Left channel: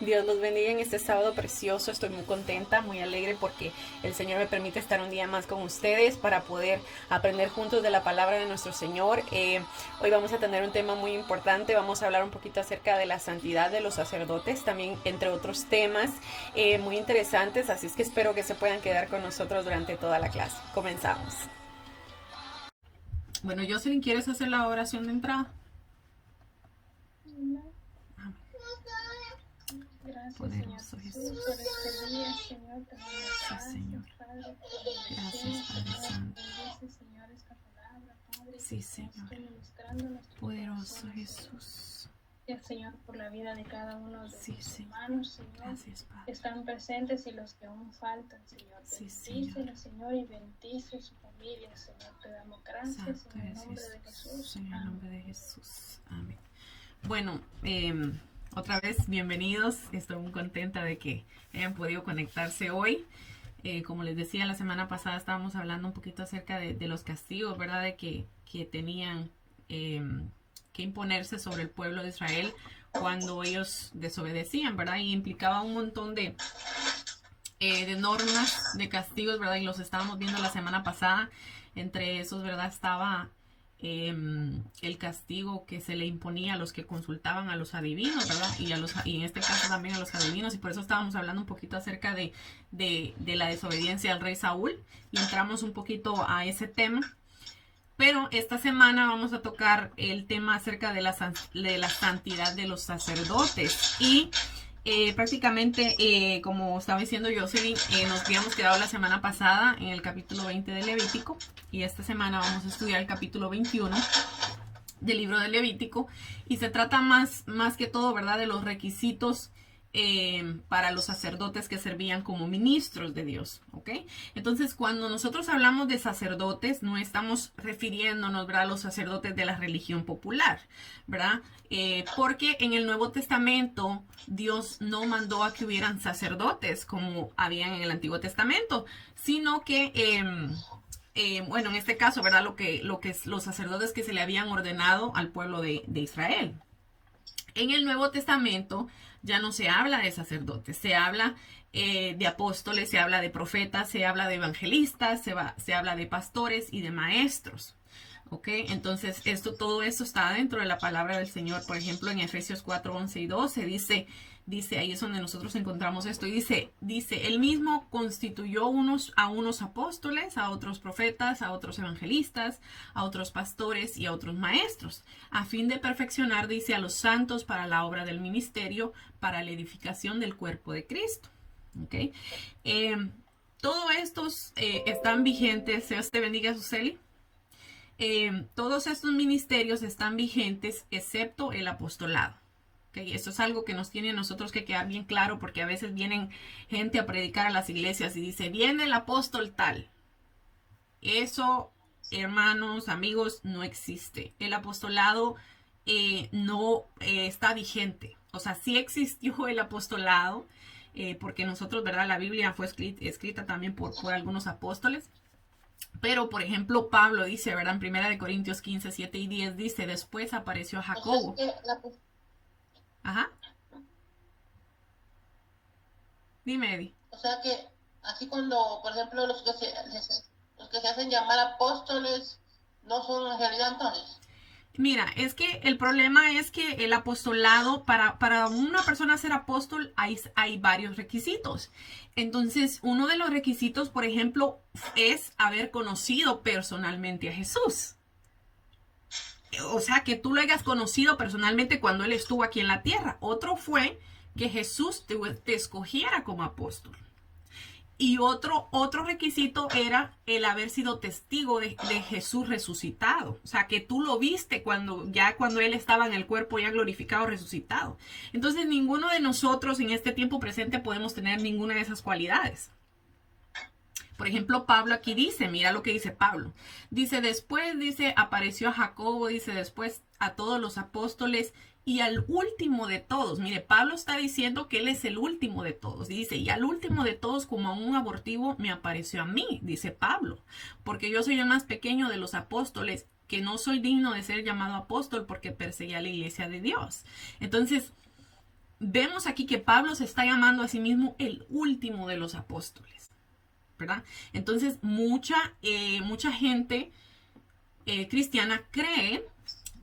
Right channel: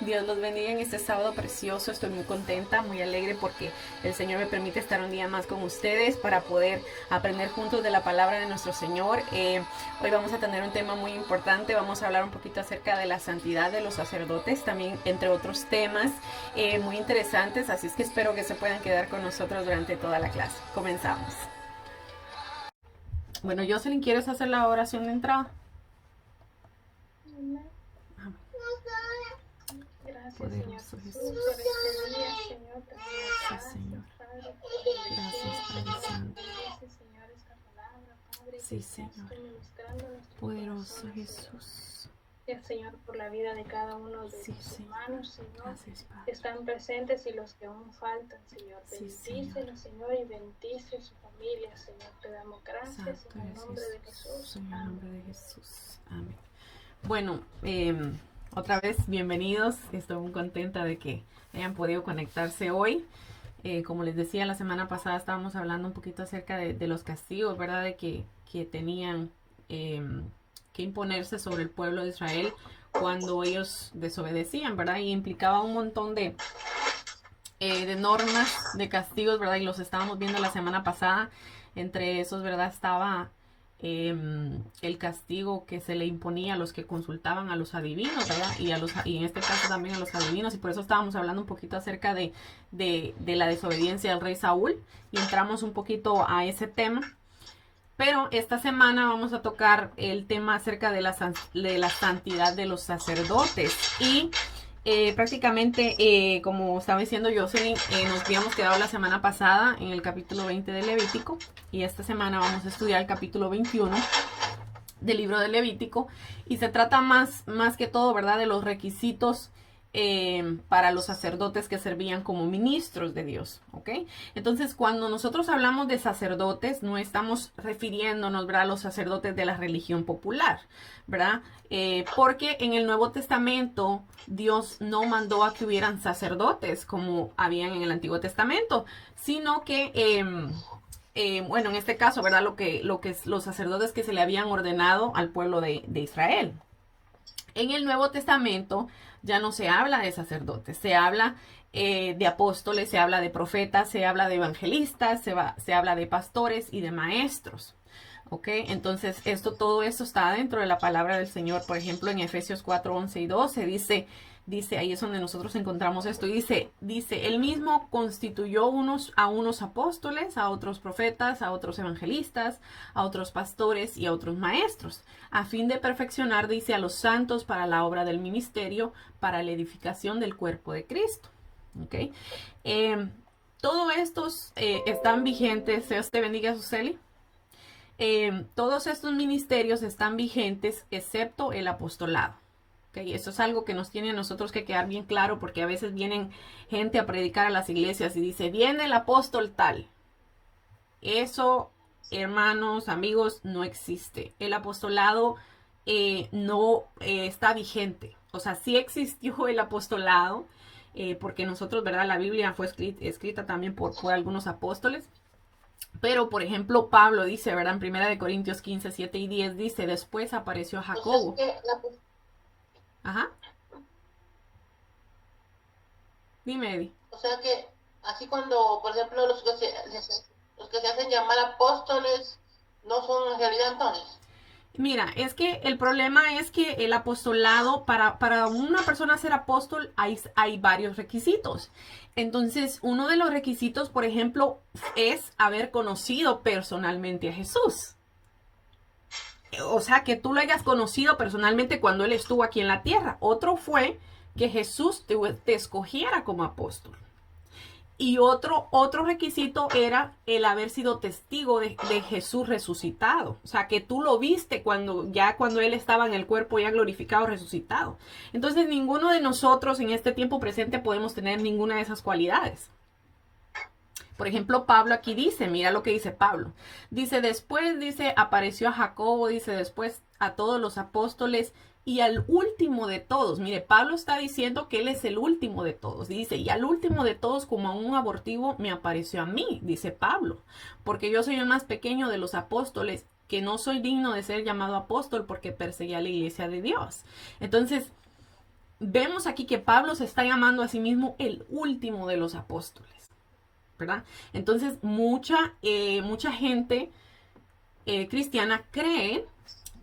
Dios los bendiga en este sábado precioso. Estoy muy contenta, muy alegre porque el Señor me permite estar un día más con ustedes para poder aprender juntos de la palabra de nuestro Señor. Hoy vamos a tener un tema muy importante. Vamos a hablar un poquito acerca de la santidad de los sacerdotes, también entre otros temas muy interesantes. Así es que espero que se puedan quedar con nosotros durante toda la clase. Comenzamos. Bueno, Jocelyn, ¿quieres hacer la oración de entrada? Gracias, Poderoso Señor Jesús. Jesús, por este día, Señor. Te damos Sí, gracias, Señor. Padre, por Gracias, Padre Señor. Santo. Bendice, Señor, esta palabra, Padre, Sí, que seas Señor. tú ministrando nuestros Poderoso corazones, Señor. Jesús. Gracias, Señor, por la vida de cada uno de Sí, mis Señor. hermanos, Señor, Gracias, que Padre. están presentes y los que aún faltan, Señor. Sí, Bendícelos, Señor, y bendice su familia, Señor. Te damos gracias Santo en el eres nombre de Jesús. Jesús. En el Amén. nombre de Jesús. Amén. Bueno, otra vez bienvenidos. Estoy muy contenta de que hayan podido conectarse hoy. Como les decía, la semana pasada estábamos hablando un poquito acerca de los castigos, ¿verdad? De que tenían que imponerse sobre el pueblo de Israel cuando ellos desobedecían, ¿verdad? Y implicaba un montón de normas, de castigos, ¿verdad? Y los estábamos viendo la semana pasada. Entre esos, ¿verdad? Estaba el castigo que se le imponía a los que consultaban a los adivinos, ¿verdad? Y en este caso también a los adivinos. Y por eso estábamos hablando un poquito acerca de la desobediencia del rey Saúl. Y entramos un poquito a ese tema. Pero esta semana vamos a tocar el tema acerca de la santidad de los sacerdotes. Y prácticamente, como estaba diciendo Jocelyn, nos habíamos quedado la semana pasada en el capítulo 20 de Levítico. Y esta semana vamos a estudiar el capítulo 21 del libro de Levítico. Y se trata más que todo, ¿verdad?, de los requisitos para los sacerdotes que servían como ministros de Dios, ¿ok? Entonces, cuando nosotros hablamos de sacerdotes, no estamos refiriéndonos, ¿verdad?, a los sacerdotes de la religión popular, ¿verdad? Porque en el Nuevo Testamento Dios no mandó a que hubieran sacerdotes como habían en el Antiguo Testamento, sino que bueno, en este caso, ¿verdad? Lo que es los sacerdotes que se le habían ordenado al pueblo de Israel. En el Nuevo Testamento ya no se habla de sacerdotes, se habla de apóstoles, se habla de profetas, se habla de evangelistas, se habla de pastores y de maestros. ¿Ok? Entonces, todo esto está dentro de la palabra del Señor. Por ejemplo, en Efesios 4, 11 y 12 dice, ahí es donde nosotros encontramos esto. Y dice, él mismo constituyó a unos apóstoles, a otros profetas, a otros evangelistas, a otros pastores y a otros maestros, a fin de perfeccionar, dice, a los santos para la obra del ministerio, para la edificación del cuerpo de Cristo. ¿Ok? Todos estos están vigentes. Dios te bendiga, Suseli. Todos estos ministerios están vigentes excepto el apostolado. ¿Okay? Eso es algo que nos tiene a nosotros que quedar bien claro, porque a veces vienen gente a predicar a las iglesias y dice, viene el apóstol tal. Eso, hermanos, amigos, no existe. El apostolado no está vigente. O sea, sí existió el apostolado, porque nosotros, ¿verdad? La Biblia fue escrita también por algunos apóstoles. Pero, por ejemplo, Pablo dice, ¿verdad? En 1 Corintios 15, 7 y 10 dice, después apareció Jacobo. Ajá. Dime, Eddie. O sea que, así cuando, por ejemplo, los que se hacen llamar apóstoles, no son en realidad entonces. Mira, es que el problema es que el apostolado, para una persona ser apóstol, hay varios requisitos. Entonces, uno de los requisitos, por ejemplo, es haber conocido personalmente a Jesús. O sea, que tú lo hayas conocido personalmente cuando Él estuvo aquí en la tierra. Otro fue que Jesús te escogiera como apóstol. Y otro requisito era el haber sido testigo de Jesús resucitado. O sea, que tú lo viste cuando Él estaba en el cuerpo ya glorificado, resucitado. Entonces, ninguno de nosotros en este tiempo presente podemos tener ninguna de esas cualidades. Por ejemplo, Pablo aquí dice, mira lo que dice Pablo. Dice, después, dice, apareció a Jacobo, dice, después a todos los apóstoles y al último de todos. Mire, Pablo está diciendo que él es el último de todos. Dice, y al último de todos, como a un abortivo, me apareció a mí, dice Pablo. Porque yo soy el más pequeño de los apóstoles, que no soy digno de ser llamado apóstol porque perseguía a la iglesia de Dios. Entonces, vemos aquí que Pablo se está llamando a sí mismo el último de los apóstoles, ¿verdad? Entonces, mucha gente cristiana cree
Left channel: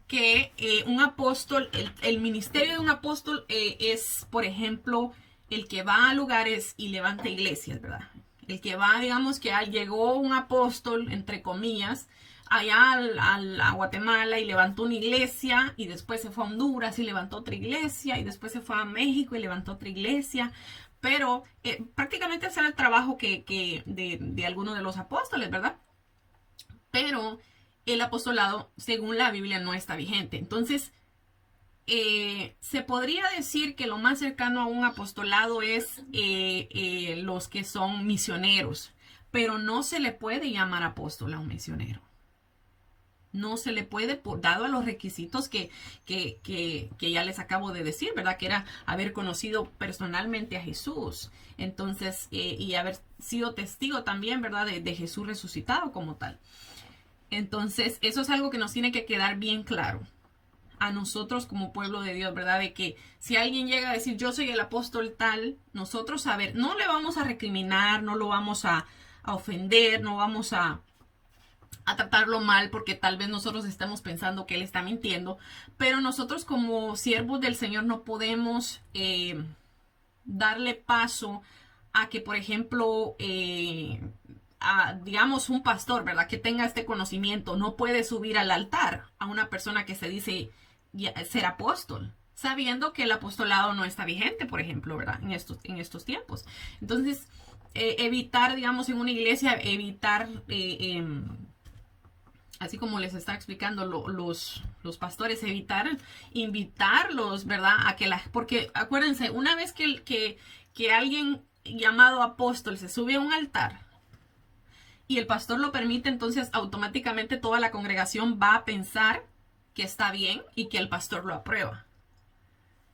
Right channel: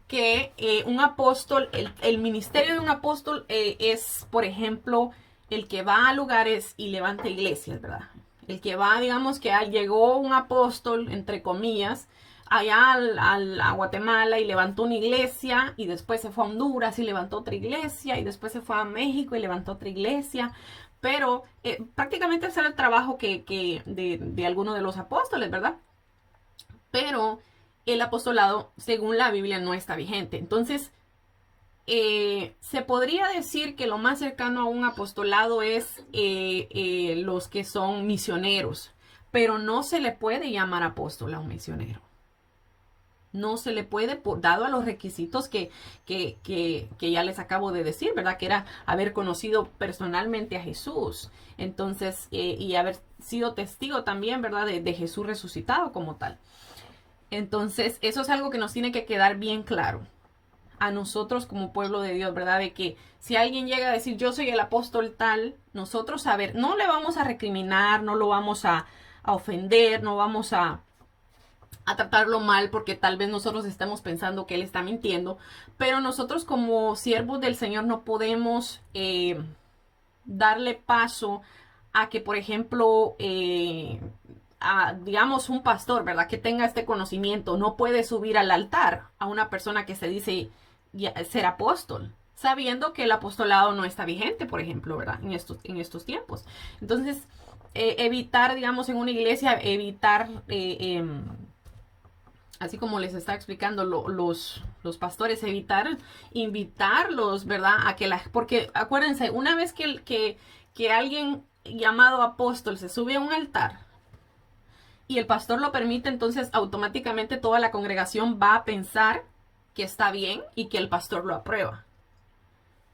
que un apóstol, el ministerio de un apóstol es, por ejemplo, el que va a lugares y levanta iglesias, ¿verdad? El que va, digamos que llegó un apóstol, entre comillas, allá a Guatemala y levantó una iglesia, y después se fue a Honduras y levantó otra iglesia, y después se fue a México y levantó otra iglesia. Pero prácticamente ese era el trabajo de alguno de los apóstoles, ¿verdad? Pero el apostolado, según la Biblia, no está vigente. Entonces, se podría decir que lo más cercano a un apostolado es los que son misioneros, pero no se le puede llamar apóstol a un misionero. No se le puede, dado a los requisitos que ya les acabo de decir, ¿verdad? Que era haber conocido personalmente a Jesús. Entonces, y haber sido testigo también, ¿verdad? De Jesús resucitado como tal. Entonces, eso es algo que nos tiene que quedar bien claro a nosotros como pueblo de Dios, ¿verdad? De que si alguien llega a decir yo soy el apóstol tal, nosotros no le vamos a recriminar, no lo vamos a ofender, no vamos a tratarlo mal porque tal vez nosotros estemos pensando que él está mintiendo, pero nosotros como siervos del Señor no podemos darle paso a que, por ejemplo, digamos un pastor, ¿verdad? Que tenga este conocimiento, no puede subir al altar a una persona que se dice ser apóstol, sabiendo que el apostolado no está vigente, por ejemplo, ¿verdad? En estos tiempos. Entonces, evitar, digamos, en una iglesia, así como les está explicando los pastores, invitarlos, ¿verdad? Porque acuérdense, una vez que alguien llamado apóstol se sube a un altar y el pastor lo permite, entonces automáticamente toda la congregación va a pensar que está bien y que el pastor lo aprueba.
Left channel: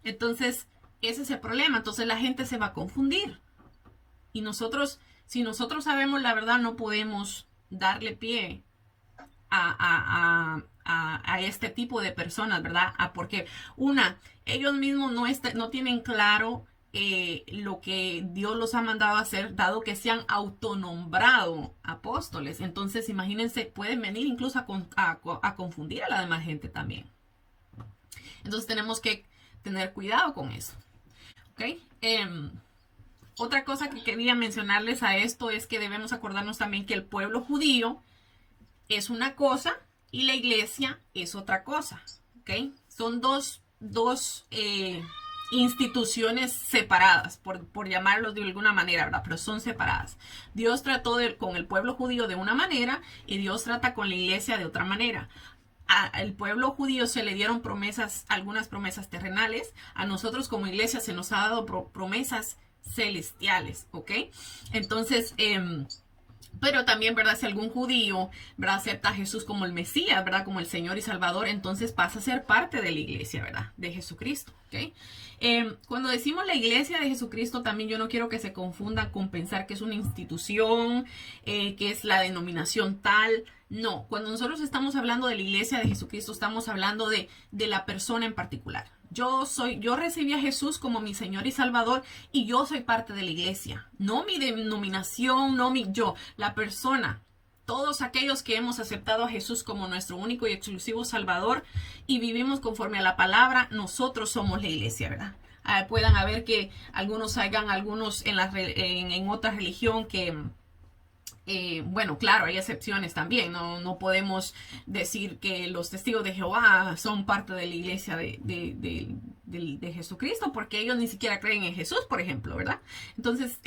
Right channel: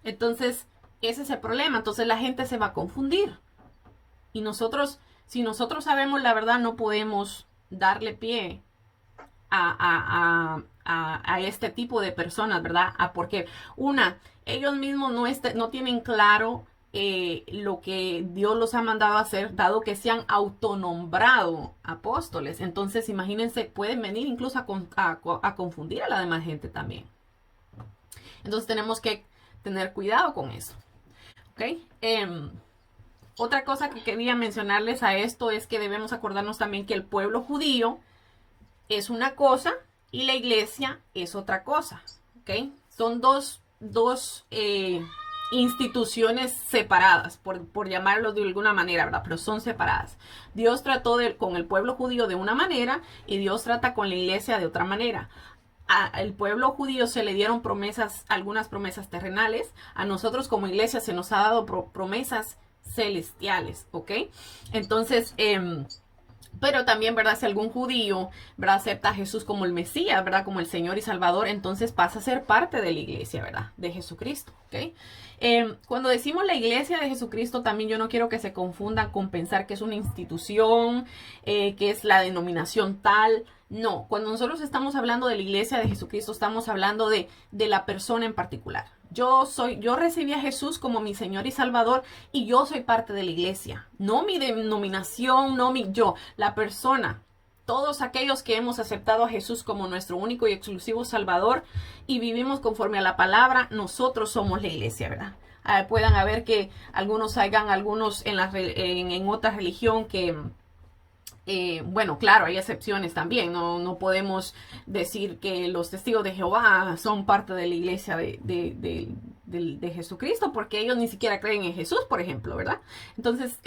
Entonces, ese es el problema. Entonces la gente se va a confundir. Y si nosotros sabemos la verdad, no podemos darle pie a este tipo de personas, ¿verdad? Porque ellos mismos no tienen claro lo que Dios los ha mandado a hacer, dado que se han autonombrado apóstoles. Entonces, imagínense, pueden venir incluso a confundir a la demás gente también. Entonces, tenemos que tener cuidado con eso. ¿Ok? Otra cosa que quería mencionarles a esto es que debemos acordarnos también que el pueblo judío es una cosa y la iglesia es otra cosa. ¿Ok? Son dos instituciones separadas, por llamarlos de alguna manera, ¿verdad? Pero son separadas. Dios trató con el pueblo judío de una manera y Dios trata con la iglesia de otra manera. Al pueblo judío se le dieron algunas promesas terrenales. A nosotros como iglesia se nos ha dado promesas celestiales, ¿ok? Entonces, pero también, ¿verdad? Si algún judío, ¿verdad? Acepta a Jesús como el Mesías, ¿verdad? Como el Señor y Salvador, entonces pasa a ser parte de la iglesia, ¿verdad? De Jesucristo, ¿ok? Cuando decimos la iglesia de Jesucristo, también yo no quiero que se confundan con pensar que es una institución, que es la denominación tal. No, cuando nosotros estamos hablando de la iglesia de Jesucristo, estamos hablando de la persona en particular. Yo recibí a Jesús como mi Señor y Salvador y yo soy parte de la iglesia. No mi denominación, la persona. Todos aquellos que hemos aceptado a Jesús como nuestro único y exclusivo Salvador y vivimos conforme a la palabra, nosotros somos la iglesia, ¿verdad? Puedan haber que algunos en otra religión que... bueno, claro, hay excepciones también. No podemos decir que los testigos de Jehová son parte de la iglesia de Jesucristo porque ellos ni siquiera creen en Jesús, por ejemplo, ¿verdad? Entonces,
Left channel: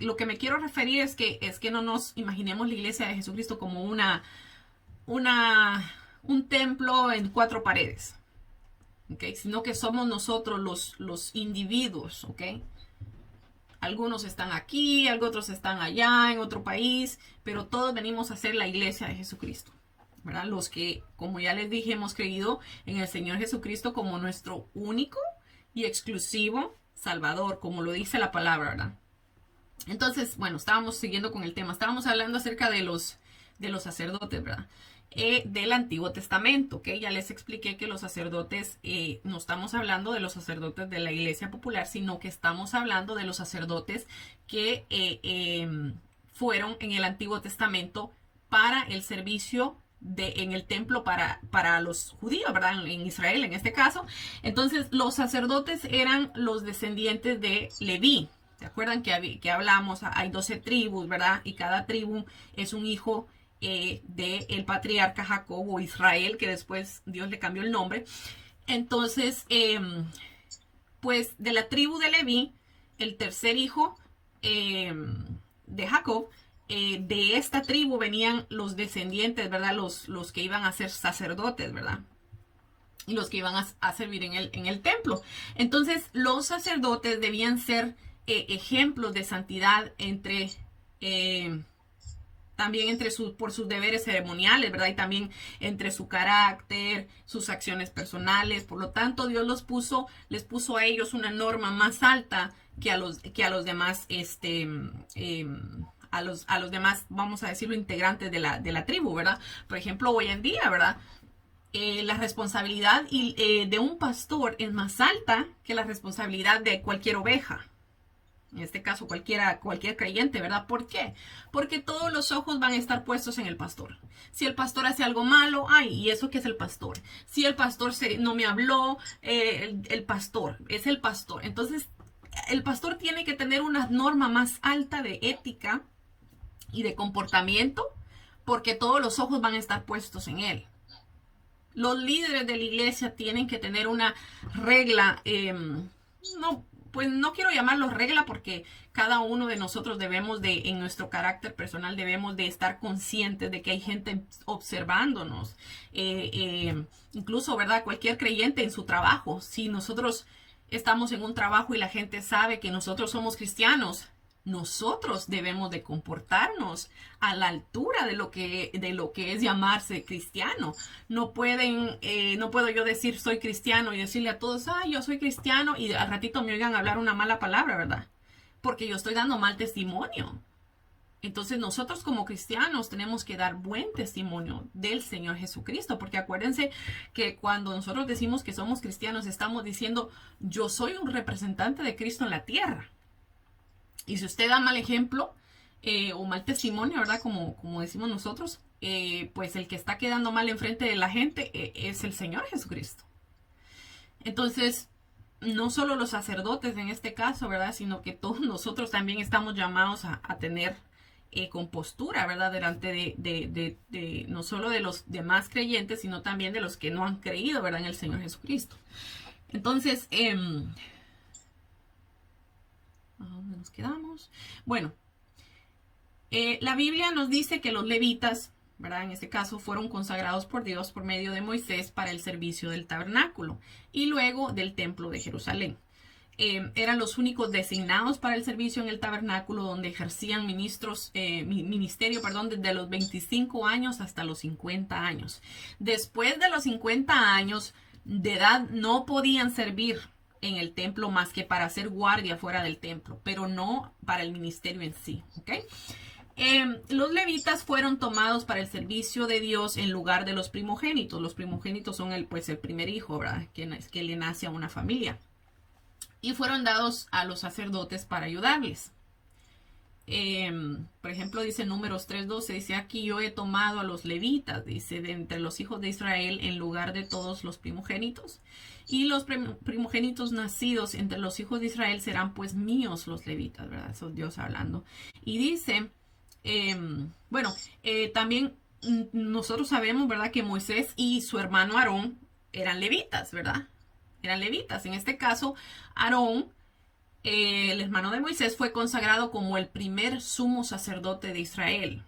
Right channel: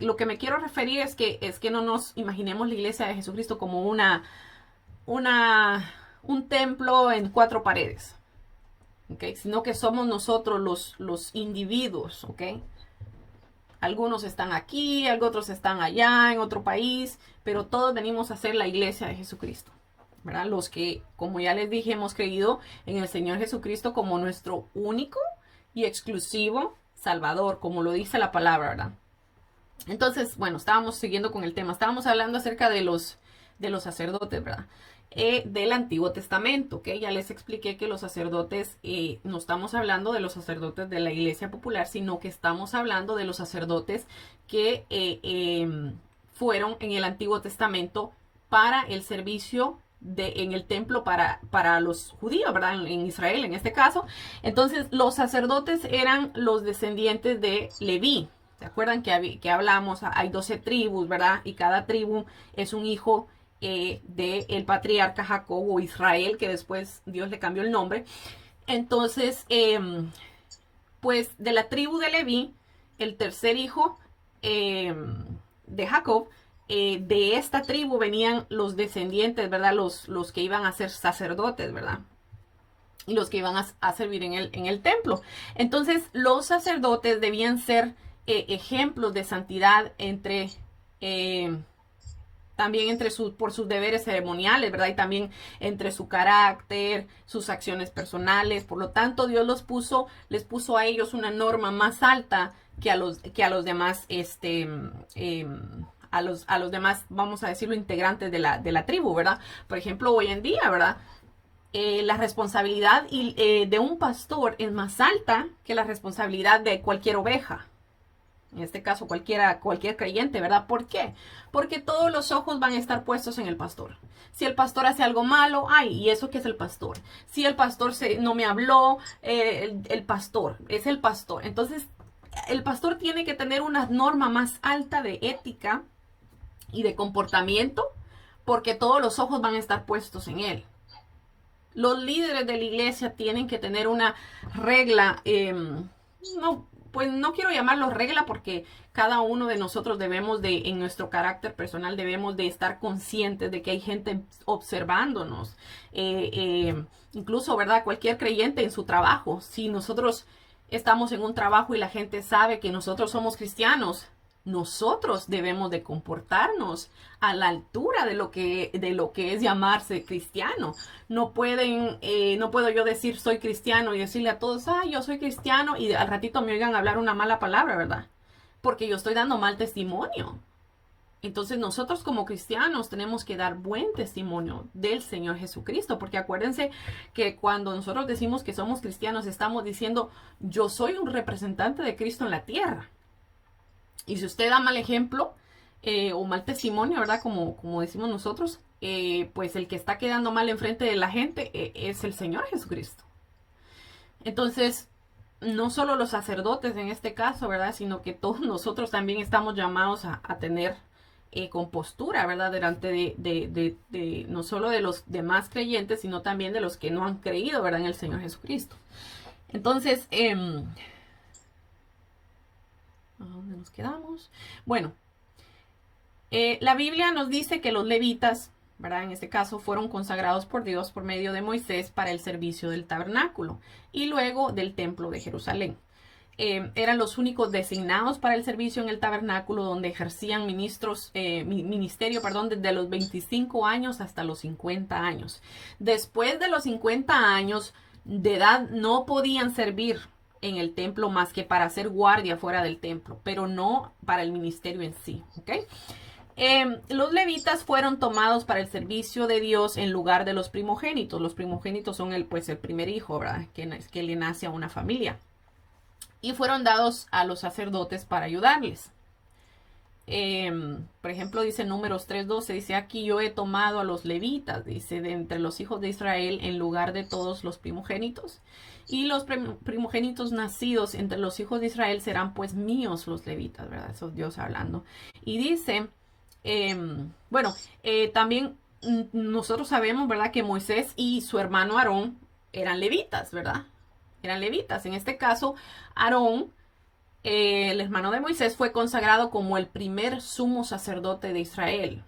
lo que me quiero referir es que no nos imaginemos la iglesia de Jesucristo como un templo en 4 paredes, ¿ok? Sino que somos nosotros los individuos, ¿ok? Algunos están aquí, otros están allá, en otro país, pero todos venimos a ser la iglesia de Jesucristo, ¿verdad? Los que, como ya les dije, hemos creído en el Señor Jesucristo como nuestro único y exclusivo Salvador, como lo dice la palabra, ¿verdad? Entonces, bueno, estábamos siguiendo con el tema. Estábamos hablando acerca de los sacerdotes, ¿verdad? del Antiguo Testamento, ¿ok? Ya les expliqué que los sacerdotes, no estamos hablando de los sacerdotes de la Iglesia Popular, sino que estamos hablando de los sacerdotes que fueron en el Antiguo Testamento para el servicio en el templo para los judíos, ¿verdad? En Israel, en este caso. Entonces, los sacerdotes eran los descendientes de Leví. ¿Se acuerdan que hablamos? Hay 12 tribus, ¿verdad? Y cada tribu es un hijo del patriarca Jacob o Israel, que después Dios le cambió el nombre. Entonces, pues de la tribu de Leví, el tercer hijo de Jacob, de esta tribu venían los descendientes, ¿verdad? Los que iban a ser sacerdotes, ¿verdad? Y los que iban a servir en el templo. Entonces, los sacerdotes debían ser ejemplos de santidad también por sus deberes ceremoniales, ¿verdad? Y también entre su carácter, sus acciones personales. Por lo tanto, Dios les puso a ellos una norma más alta que a los demás, a los demás, vamos a decirlo, integrantes de la tribu, ¿verdad? Por ejemplo, hoy en día, ¿verdad? La responsabilidad de un pastor es más alta que la responsabilidad de cualquier oveja. En este caso, cualquier creyente, ¿verdad? ¿Por qué? Porque todos los ojos van a estar puestos en el pastor. Si el pastor hace algo malo, ay, ¿y eso qué es el pastor? Si el pastor no me habló, el pastor, es el pastor. Entonces, el pastor tiene que tener una norma más alta de ética y de comportamiento, porque todos los ojos van a estar puestos en él. Los líderes de la iglesia tienen que tener una regla, pues no quiero llamarlo regla porque cada uno de nosotros en nuestro carácter personal, debemos de estar conscientes de que hay gente observándonos. Incluso, ¿verdad? Cualquier creyente en su trabajo, si nosotros estamos en un trabajo y la gente sabe que nosotros somos cristianos, nosotros debemos de comportarnos a la altura de lo que es llamarse cristiano. No puedo yo decir soy cristiano y decirle a todos, yo soy cristiano, y al ratito me oigan hablar una mala palabra, ¿verdad? Porque yo estoy dando mal testimonio. Entonces nosotros como cristianos tenemos que dar buen testimonio del Señor Jesucristo, porque acuérdense que cuando nosotros decimos que somos cristianos, estamos diciendo, yo soy un representante de Cristo en la tierra. Y si usted da mal ejemplo o mal testimonio, ¿verdad? Como decimos nosotros, pues el que está quedando mal enfrente de la gente es el Señor Jesucristo. Entonces, no solo los sacerdotes en este caso, ¿verdad? Sino que todos nosotros también estamos llamados a tener compostura, ¿verdad? Delante de no solo de los demás creyentes, sino también de los que no han creído, ¿verdad? En el Señor Jesucristo. Entonces, ¿a dónde nos quedamos? Bueno, la Biblia nos dice que los levitas, ¿verdad? En este caso fueron consagrados por Dios por medio de Moisés para el servicio del tabernáculo y luego del templo de Jerusalén. Eran los únicos designados para el servicio en el tabernáculo, donde ejercían ministerio, desde los 25 años hasta los 50 años. Después de los 50 años de edad no podían servir en el templo más que para hacer guardia fuera del templo, pero no para el ministerio en sí, ¿ok? Los levitas fueron tomados para el servicio de Dios en lugar de los primogénitos. Los primogénitos son el primer hijo, ¿verdad? Que le nace a una familia. Y fueron dados a los sacerdotes para ayudarles. Por ejemplo, dice Números 3:12, dice, aquí yo he tomado a los levitas, dice, de entre los hijos de Israel en lugar de todos los primogénitos. Y los primogénitos nacidos entre los hijos de Israel serán pues míos los levitas, ¿verdad? Eso es Dios hablando. Y dice, también nosotros sabemos, ¿verdad? Que Moisés y su hermano Aarón eran levitas, ¿verdad? Eran levitas. En este caso, Aarón, el hermano de Moisés, fue consagrado como el primer sumo sacerdote de Israel.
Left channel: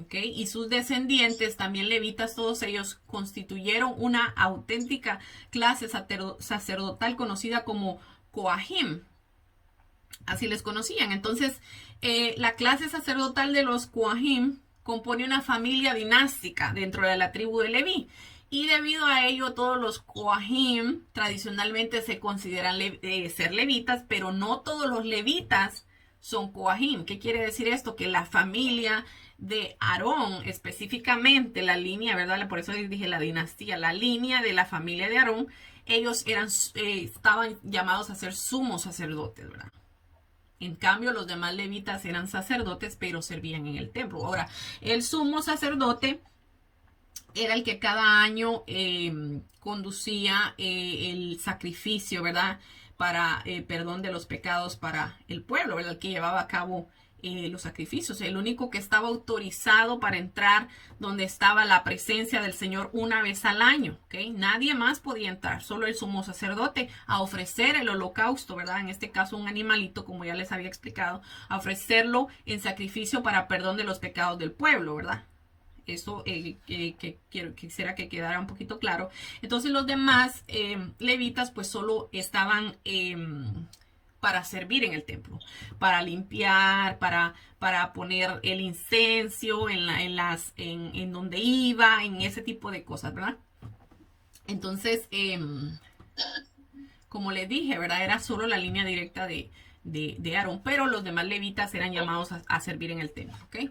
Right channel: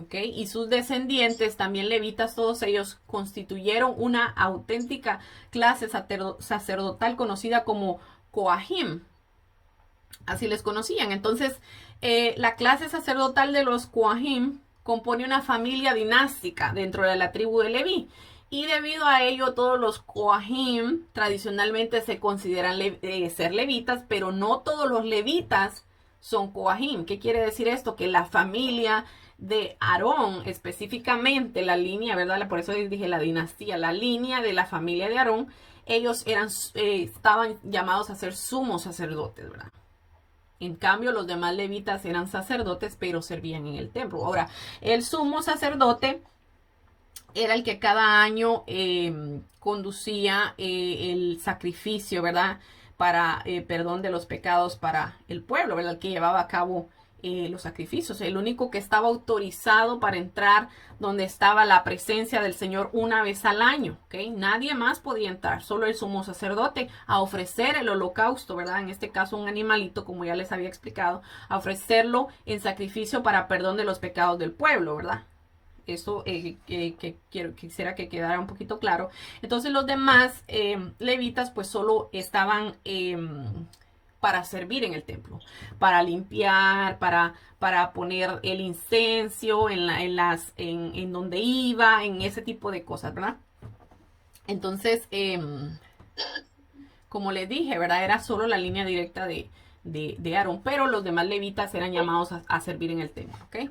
¿Okay? Y sus descendientes, también levitas, todos ellos constituyeron una auténtica clase sacerdotal conocida como Coahim. Así les conocían. Entonces, la clase sacerdotal de los Coahim compone una familia dinástica dentro de la tribu de Leví. Y debido a ello, todos los Coahim tradicionalmente se consideran ser levitas, pero no todos los levitas son Coahim. ¿Qué quiere decir esto? Que la familia de Aarón, específicamente la línea, ¿verdad? Por eso dije la dinastía, la línea de la familia de Aarón, ellos estaban llamados a ser sumos sacerdotes, ¿verdad? En cambio, los demás levitas eran sacerdotes, pero servían en el templo. Ahora, el sumo sacerdote era el que cada año conducía el sacrificio, ¿verdad? Para perdón de los pecados para el pueblo, ¿verdad? El que llevaba a cabo los sacrificios. El único que estaba autorizado para entrar donde estaba la presencia del Señor una vez al año, ¿ok? Nadie más podía entrar, solo el sumo sacerdote a ofrecer el holocausto, ¿verdad? En este caso un animalito, como ya les había explicado, a ofrecerlo en sacrificio para perdón de los pecados del pueblo, ¿verdad? Eso quisiera que quedara un poquito claro. Entonces los demás levitas pues solo estaban para servir en el templo, para limpiar, para poner el incenso en donde iba, en ese tipo de cosas, ¿verdad? Entonces, como les dije, ¿verdad? Era solo la línea directa de Aarón, pero los demás levitas eran llamados a servir en el templo, ¿ok?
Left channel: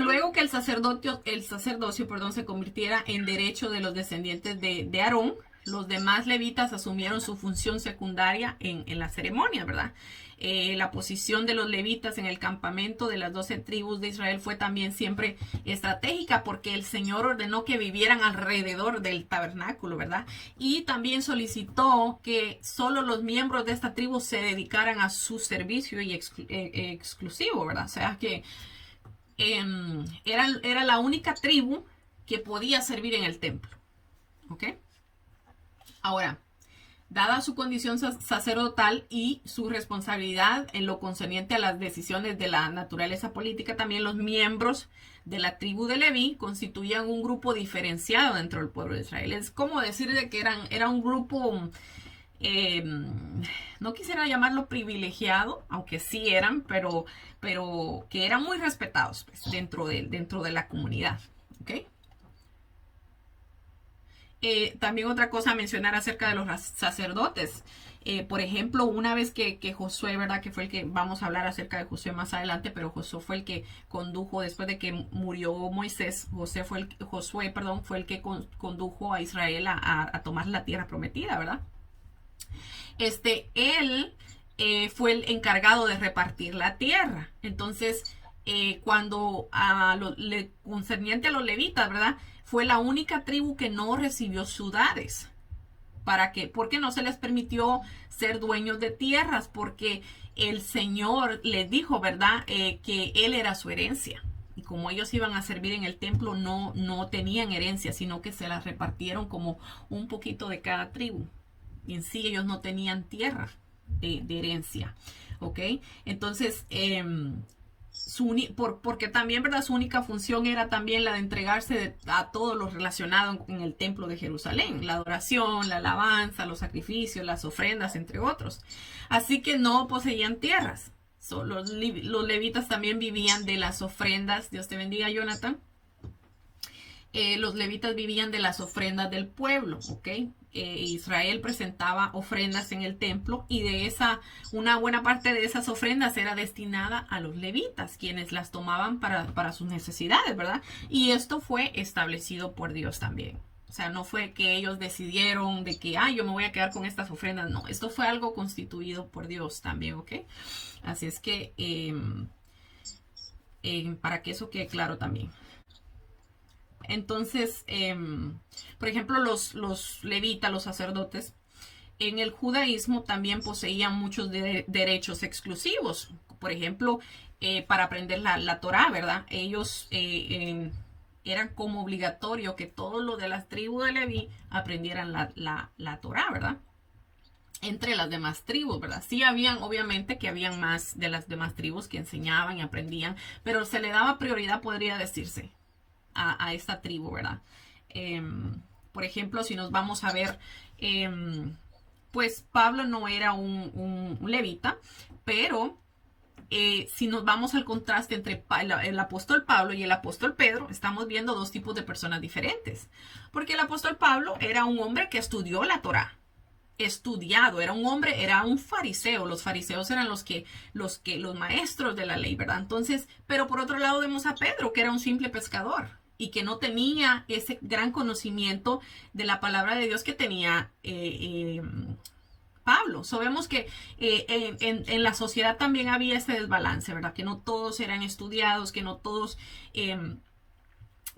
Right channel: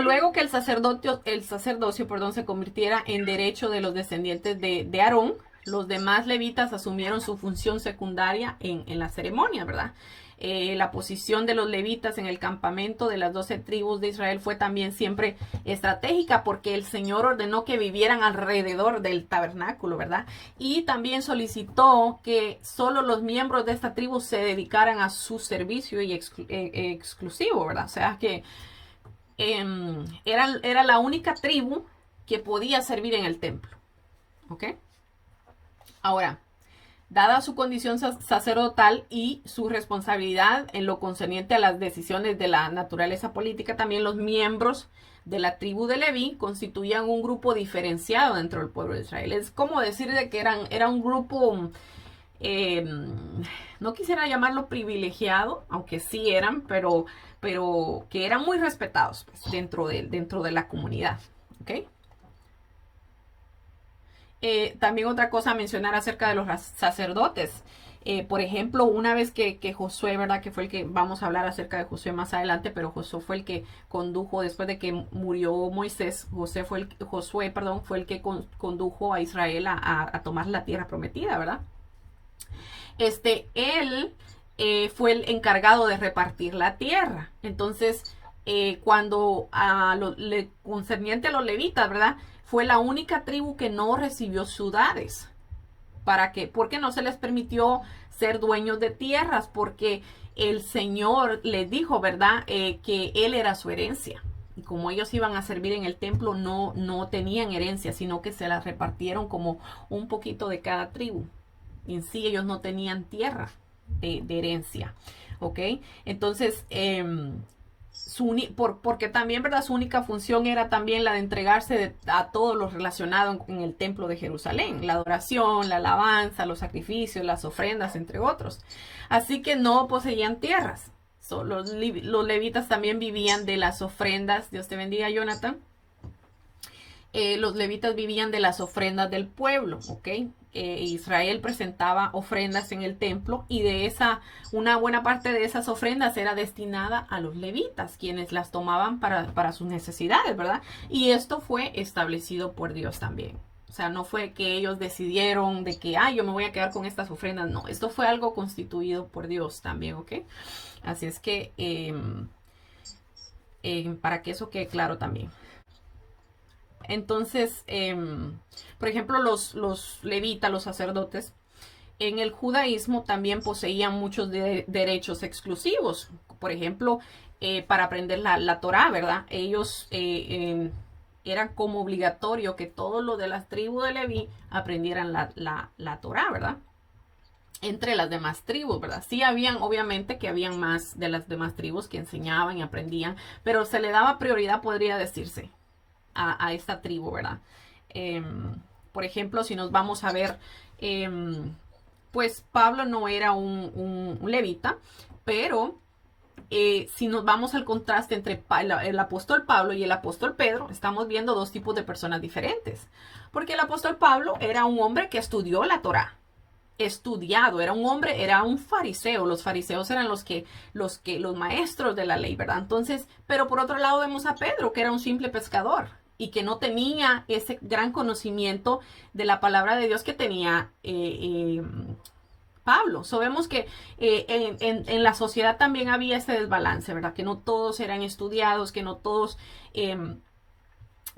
Luego que el sacerdocio, perdón, se convirtiera en derecho de los descendientes de Aarón, los demás levitas asumieron su función secundaria en la ceremonia, ¿verdad? La posición de los levitas en el campamento de las 12 tribus de Israel fue también siempre estratégica porque el Señor ordenó que vivieran alrededor del tabernáculo, ¿verdad? Y también solicitó que solo los miembros de esta tribu se dedicaran a su servicio y exclusivo, ¿verdad? O sea que era la única tribu que podía servir en el templo, ¿ok? Ahora, dada su condición sacerdotal y su responsabilidad en lo concerniente a las decisiones de la naturaleza política, también los miembros de la tribu de Leví constituían un grupo diferenciado dentro del pueblo de Israel. Es como decir de que era un grupo, no quisiera llamarlo privilegiado, aunque sí eran, pero que eran muy respetados pues, dentro de la comunidad, ¿ok? También otra cosa a mencionar acerca de los sacerdotes. Por ejemplo, una vez que Josué, ¿verdad? Que fue el que, vamos a hablar acerca de Josué más adelante, pero Josué fue el que condujo, después de que murió Moisés, Josué fue el que condujo a Israel a tomar la tierra prometida, ¿verdad? Él fue el encargado de repartir la tierra. Entonces, cuando concerniente a los levitas, ¿verdad? Fue la única tribu que no recibió ciudades. ¿Para qué? Porque no se les permitió ser dueños de tierras, porque el Señor les dijo, ¿verdad? Que Él era su herencia. Y como ellos iban a servir en el templo, no tenían herencia, sino que se las repartieron como un poquito de cada tribu. Y en sí ellos no tenían tierra de herencia. ¿Ok? Entonces, porque también, ¿verdad? Su única función era también la de entregarse a todo lo relacionado en el templo de Jerusalén, la adoración, la alabanza, los sacrificios, las ofrendas, entre otros. Así que no poseían tierras. Los levitas también vivían de las ofrendas. Dios te bendiga, Jonathan. Los levitas vivían de las ofrendas del pueblo, ¿ok? Israel presentaba ofrendas en el templo y una buena parte de esas ofrendas era destinada a los levitas, quienes las tomaban para sus necesidades, ¿verdad? Y esto fue establecido por Dios también. O sea, no fue que ellos decidieron de que, yo me voy a quedar con estas ofrendas. No, esto fue algo constituido por Dios también, ¿ok? Así es que, para que eso quede claro también. Entonces, por ejemplo, los levitas, los sacerdotes, en el judaísmo también poseían muchos derechos exclusivos. Por ejemplo, para aprender la Torá, ¿verdad? Ellos eran como obligatorio que todos los de las tribus de Leví aprendieran la Torá, ¿verdad? Entre las demás tribus, ¿verdad? Sí obviamente que habían más de las demás tribus que enseñaban y aprendían, pero se le daba prioridad, podría decirse, a esta tribu, ¿verdad? Por ejemplo, si nos vamos a ver, pues Pablo no era un levita, pero si nos vamos al contraste entre el apóstol Pablo y el apóstol Pedro, estamos viendo dos tipos de personas diferentes. Porque el apóstol Pablo era un hombre que estudió la Torá. estudiado, era un hombre, era un fariseo. Los fariseos eran los maestros de la ley, ¿verdad? Entonces, pero por otro lado vemos a Pedro, que era un simple pescador y que no tenía ese gran conocimiento de la palabra de Dios que tenía Pablo. Vemos que en la sociedad también había este desbalance, ¿verdad? Que no todos eran estudiados, que no todos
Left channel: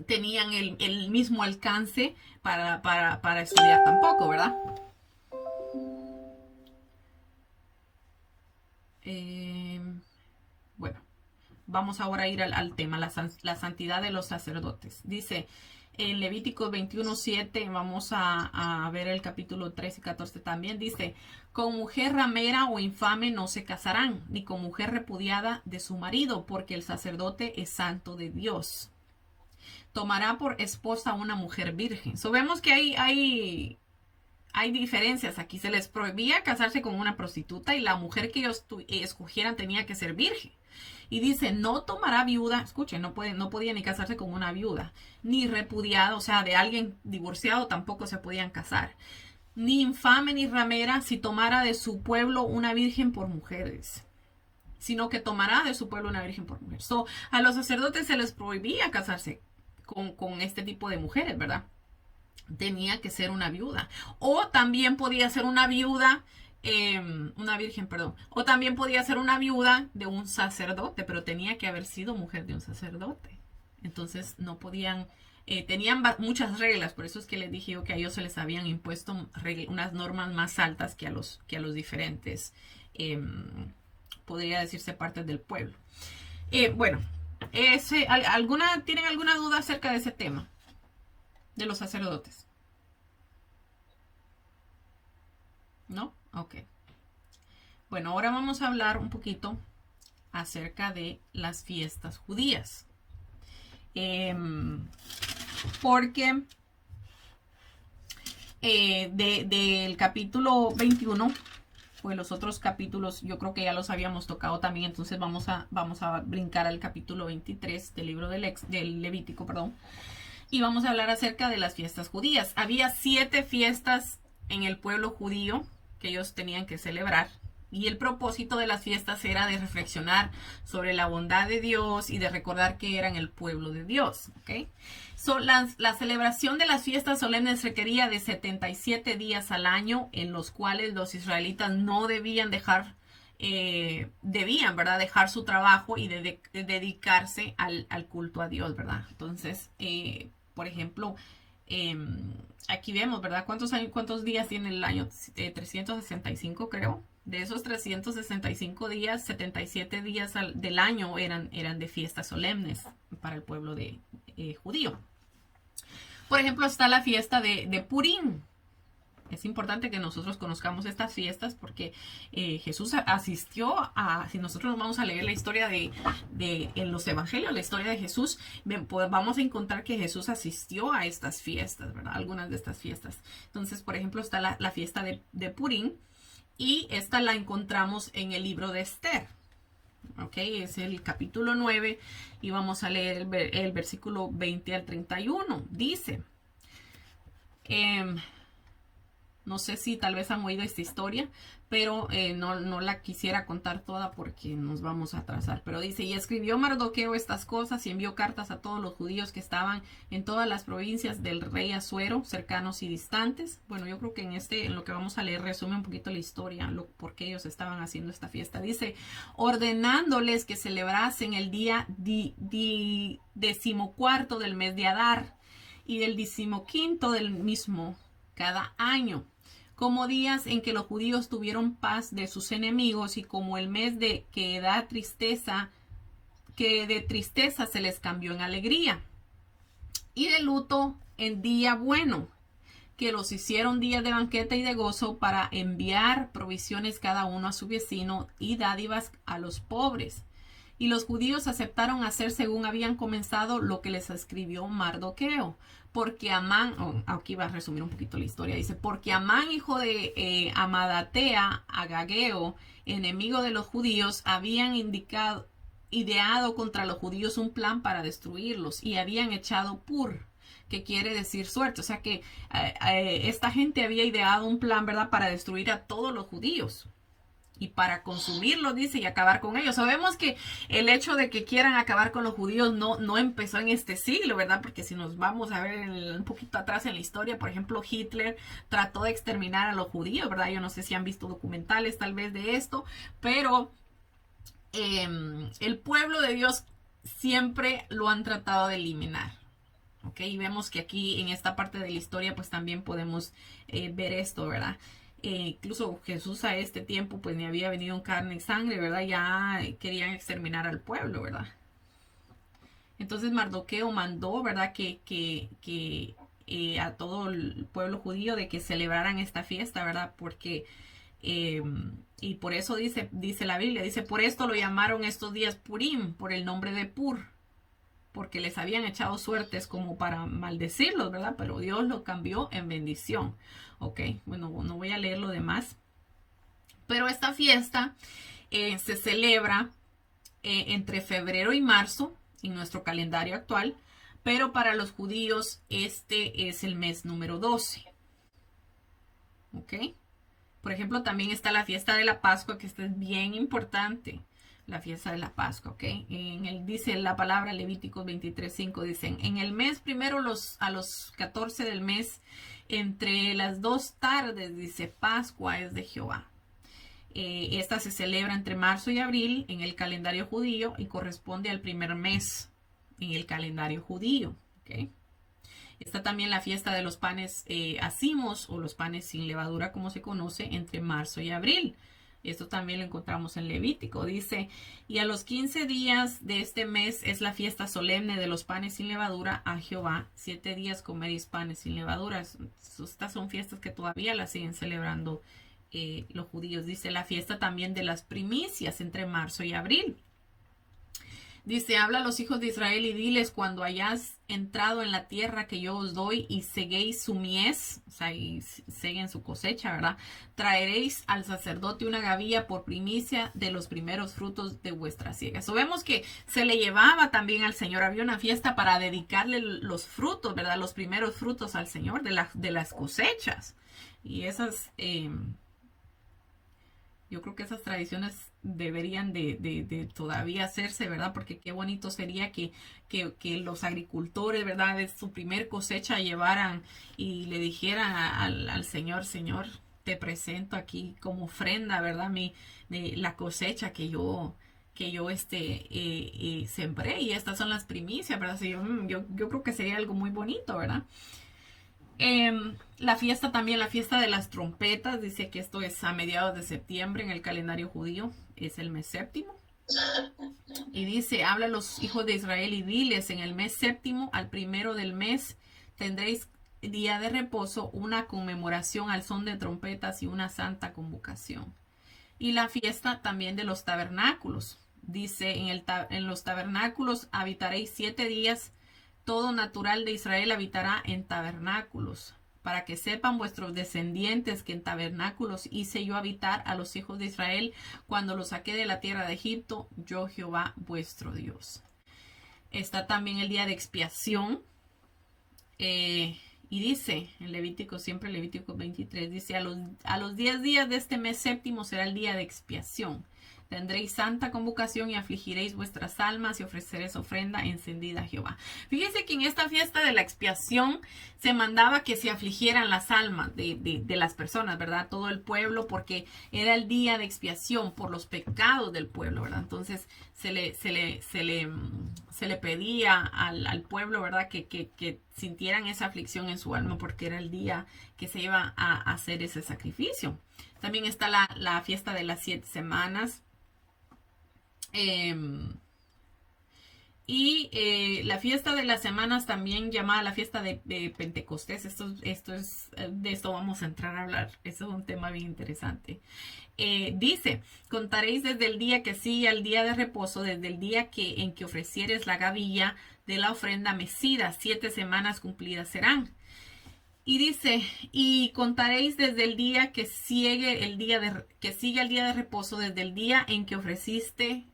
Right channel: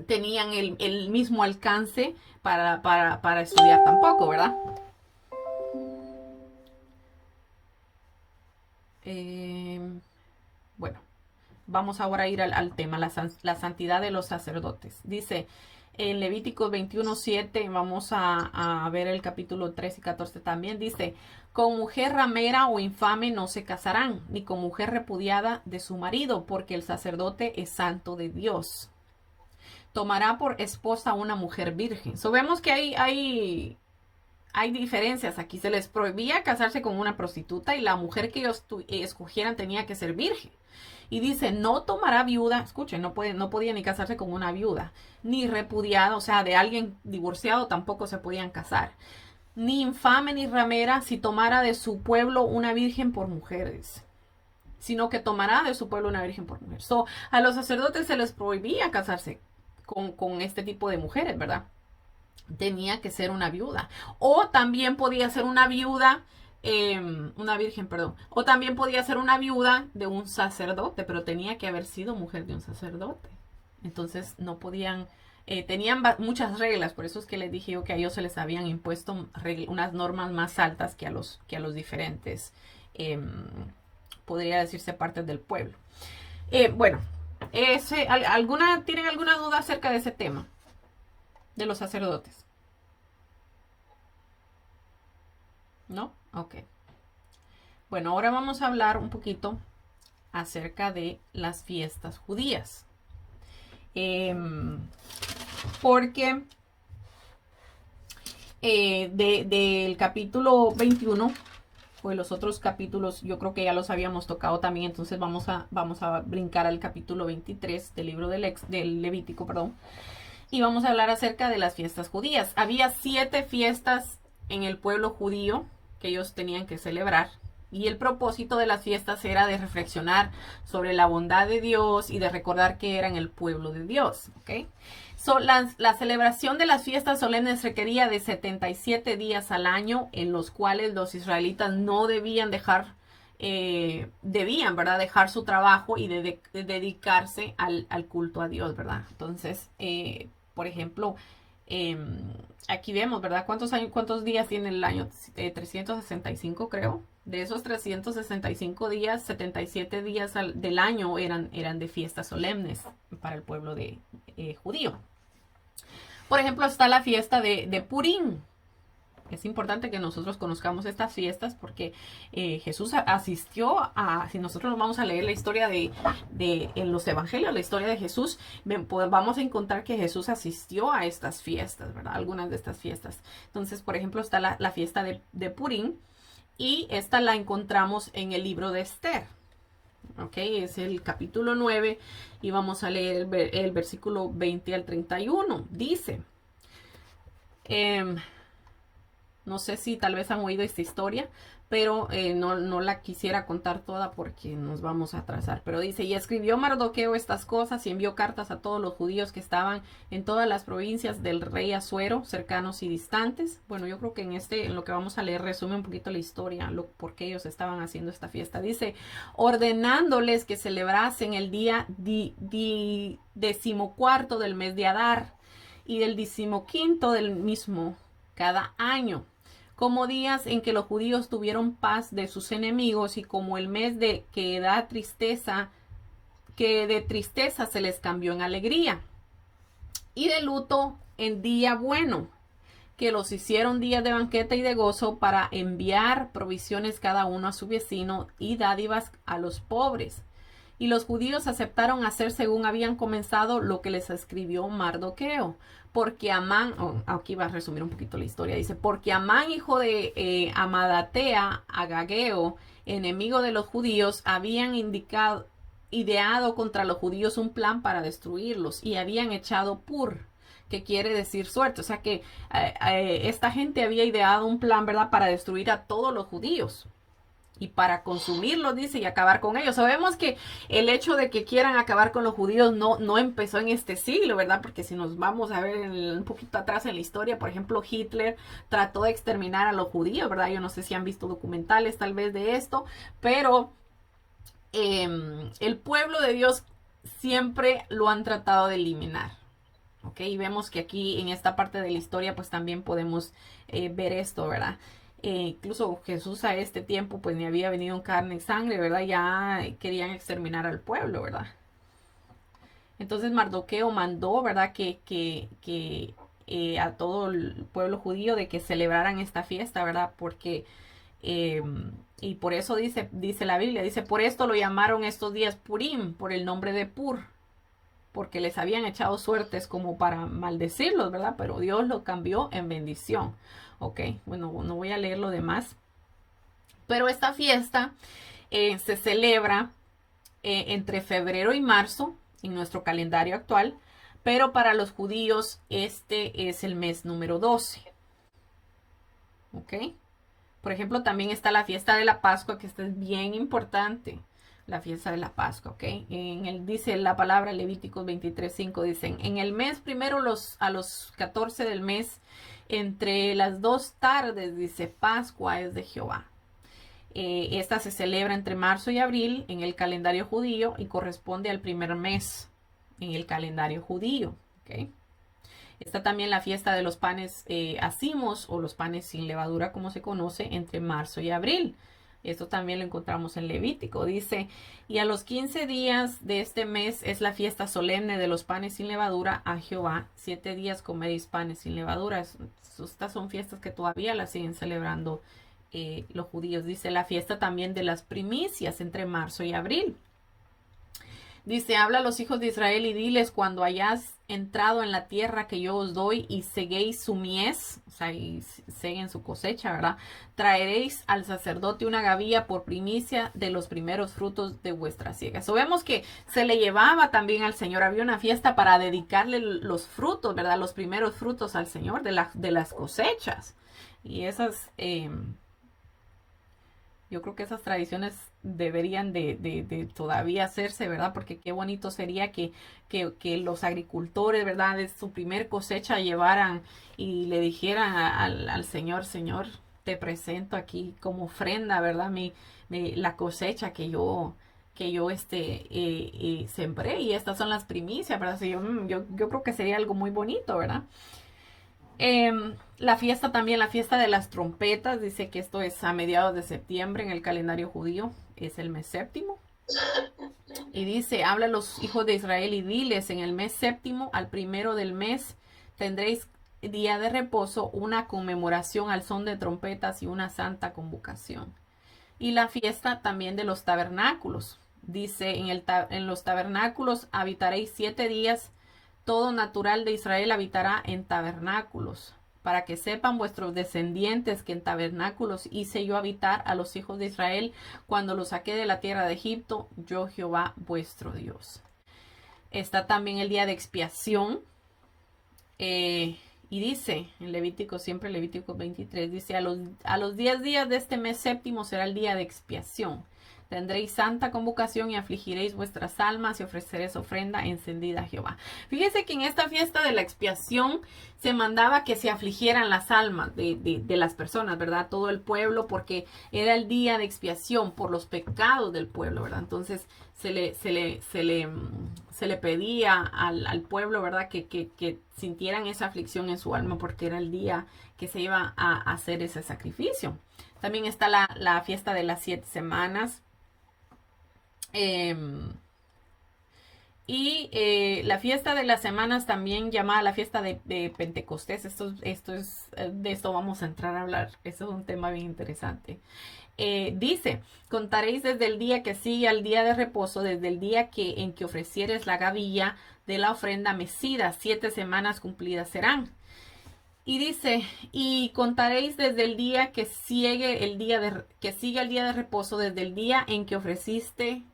tenían el mismo alcance para estudiar tampoco, ¿verdad? Bueno, vamos ahora a ir al tema, la santidad de los sacerdotes. Dice en Levíticos 21:7, vamos a ver el capítulo 13 y 14 también, dice, con mujer ramera o infame no se casarán, ni con mujer repudiada de su marido, porque el sacerdote es santo de Dios. Tomará por esposa a una mujer virgen. Vemos que hay diferencias. Aquí se les prohibía casarse con una prostituta y la mujer que ellos escogieran tenía que ser virgen. Y dice, no tomará viuda, escuchen, no podía ni casarse con una viuda, ni repudiada, o sea, de alguien divorciado tampoco se podían casar. Ni infame ni ramera si tomara de su pueblo una virgen por mujeres, sino que tomará de su pueblo una virgen por mujer. A los sacerdotes se les prohibía casarse con este tipo de mujeres, ¿verdad? Tenía que ser una viuda. O también podía ser una viuda, una virgen, perdón. O también podía ser una viuda de un sacerdote, pero tenía que haber sido mujer de un sacerdote. Entonces no podían, tenían muchas reglas, por eso es que les dije yo que a ellos se les habían impuesto unas normas más altas que a los diferentes, podría decirse, partes del pueblo. Bueno, ¿tienen alguna duda acerca de ese tema? De los sacerdotes. ¿No? Ok. Bueno, ahora vamos a hablar un poquito acerca de las fiestas judías. Porque del capítulo 21, pues los otros capítulos yo creo que ya los habíamos tocado también, entonces vamos a brincar al capítulo 23 del libro del Levítico, perdón. Y vamos a hablar acerca de las fiestas judías. Había 7 fiestas en el pueblo judío que ellos tenían que celebrar. Y el propósito de las fiestas era de reflexionar sobre la bondad de Dios y de recordar que eran el pueblo de Dios. ¿Okay? La celebración de las fiestas solemnes requería de 77 días al año, en los cuales los israelitas no debían dejar su trabajo y dedicarse al culto a Dios, ¿verdad? Entonces, por ejemplo, aquí vemos, ¿verdad? ¿Cuántos días tiene el año? 365, creo. De esos 365 días, 77 días del año eran de fiestas solemnes para el pueblo judío. Por ejemplo, está la fiesta de Purim. Es importante que nosotros conozcamos estas fiestas porque Jesús asistió si nosotros nos vamos a leer la historia en los evangelios, la historia de Jesús, pues vamos a encontrar que Jesús asistió a estas fiestas, ¿verdad? Algunas de estas fiestas. Entonces, por ejemplo, está la fiesta de Purim y esta la encontramos en el libro de Esther. Ok, es el capítulo 9 y vamos a leer el versículo 20 al 31. Dice... no sé si tal vez han oído esta historia, pero no la quisiera contar toda porque nos vamos a atrasar. Pero dice, y escribió Mardoqueo estas cosas y envió cartas a todos los judíos que estaban en todas las provincias del rey Asuero, cercanos y distantes. Bueno, yo creo que en lo que vamos a leer resume un poquito la historia, por qué ellos estaban haciendo esta fiesta. Dice, ordenándoles que celebrasen el día 14 del mes de Adar y del 15 del mismo cada año, como días en que los judíos tuvieron paz de sus enemigos y como el mes que de tristeza se les cambió en alegría y de luto en día bueno, que los hicieron días de banquete y de gozo para enviar provisiones cada uno a su vecino y dádivas a los pobres. Y los judíos aceptaron hacer según habían comenzado lo que les escribió Mardoqueo. Porque Amán, aquí va a resumir un poquito la historia, dice, porque Amán, hijo de Amadatea, Agageo, enemigo de los judíos, habían ideado contra los judíos un plan para destruirlos y habían echado Pur, que quiere decir suerte. O sea que esta gente había ideado un plan, ¿verdad?, para destruir a todos los judíos y para consumirlos, dice, y acabar con ellos. Sabemos que el hecho de que quieran acabar con los judíos no empezó en este siglo, ¿verdad? Porque si nos vamos a ver un poquito atrás en la historia, por ejemplo, Hitler trató de exterminar a los judíos, ¿verdad? Yo no sé si han visto documentales tal vez de esto, pero el pueblo de Dios siempre lo han tratado de eliminar. ¿Ok? Y vemos que aquí en esta parte de la historia pues también podemos ver esto, ¿verdad? Incluso Jesús a este tiempo pues ni había venido en carne y sangre, ¿verdad? Ya querían exterminar al pueblo, ¿verdad? Entonces Mardoqueo mandó, ¿verdad? Que a todo el pueblo judío de que celebraran esta fiesta, ¿verdad? Porque, y por eso dice la Biblia, dice, por esto lo llamaron estos días Purim, por el nombre de Pur, porque les habían echado suertes como para maldecirlos, ¿verdad? Pero Dios lo cambió en bendición. Ok, bueno, no voy a leer lo demás. Pero esta fiesta se celebra entre febrero y marzo en nuestro calendario actual, pero para los judíos este es el mes número 12. Ok, por ejemplo, también está la fiesta de la Pascua, que esta es bien importante. La fiesta de la Pascua, ¿ok? Dice la palabra Levíticos 23:5, dicen, en el mes primero a los 14 del mes, entre las 2 tardes, dice, Pascua es de Jehová. Esta se celebra entre marzo y abril en el calendario judío y corresponde al primer mes en el calendario judío, ¿ok? Está también la fiesta de los panes hacimos o los panes sin levadura, como se conoce, entre marzo y abril. Esto también lo encontramos en Levítico. Dice, y a los 15 días de este mes es la fiesta solemne de los panes sin levadura a Jehová. 7 días comeréis panes sin levadura. Estas son fiestas que todavía las siguen celebrando los judíos. Dice, la fiesta también de las primicias entre marzo y abril. Dice, habla a los hijos de Israel y diles, cuando hayas entrado en la tierra que yo os doy y seguéis su mies, o sea, y seguen su cosecha, ¿verdad? Traeréis al sacerdote una gavilla por primicia de los primeros frutos de vuestra siega. So, vemos que se le llevaba también al Señor, había una fiesta para dedicarle los frutos, ¿verdad? Los primeros frutos al Señor de las cosechas. Y esas... yo creo que esas tradiciones deberían de todavía hacerse, ¿verdad? Porque qué bonito sería que los agricultores, ¿verdad? De su primer cosecha llevaran y le dijeran al Señor, Señor, te presento aquí como ofrenda, ¿verdad? La cosecha que yo sembré, y estas son las primicias, ¿verdad? Yo creo que sería algo muy bonito, ¿verdad? La fiesta también, la fiesta de las trompetas, dice que esto es a mediados de septiembre en el calendario judío, es el mes séptimo. Y dice, habla a los hijos de Israel y diles, en el mes séptimo, al primero del mes, tendréis día de reposo, una conmemoración al son de trompetas y una santa convocación. Y la fiesta también de los tabernáculos. Dice, en los tabernáculos habitaréis 7 días. Todo natural de Israel habitará en tabernáculos, para que sepan vuestros descendientes que en tabernáculos hice yo habitar a los hijos de Israel cuando los saqué de la tierra de Egipto, yo Jehová vuestro Dios. Está también el día de expiación, y dice en Levítico, siempre Levítico 23, dice, a los 10 días de este mes séptimo será el día de expiación. Tendréis santa convocación y afligiréis vuestras almas y ofreceréis ofrenda encendida a Jehová. Fíjese que en esta fiesta de la expiación se mandaba que se afligieran las almas de las personas, ¿verdad? Todo el pueblo, porque era el día de expiación por los pecados del pueblo, ¿verdad? Entonces se le pedía al pueblo, ¿verdad? Que sintieran esa aflicción en su alma, porque era el día que se iba a hacer ese sacrificio. También está la fiesta de las 7 semanas. La fiesta de las semanas, también llamada la fiesta de Pentecostés. De esto vamos a entrar a hablar. Eso es un tema bien interesante. Dice, contaréis desde el día que sigue al día de reposo, desde el día en que ofrecieres la gavilla de la ofrenda mecida, 7 semanas cumplidas serán. Y dice, y contaréis desde el día que sigue el día de reposo, desde el día en que ofreciste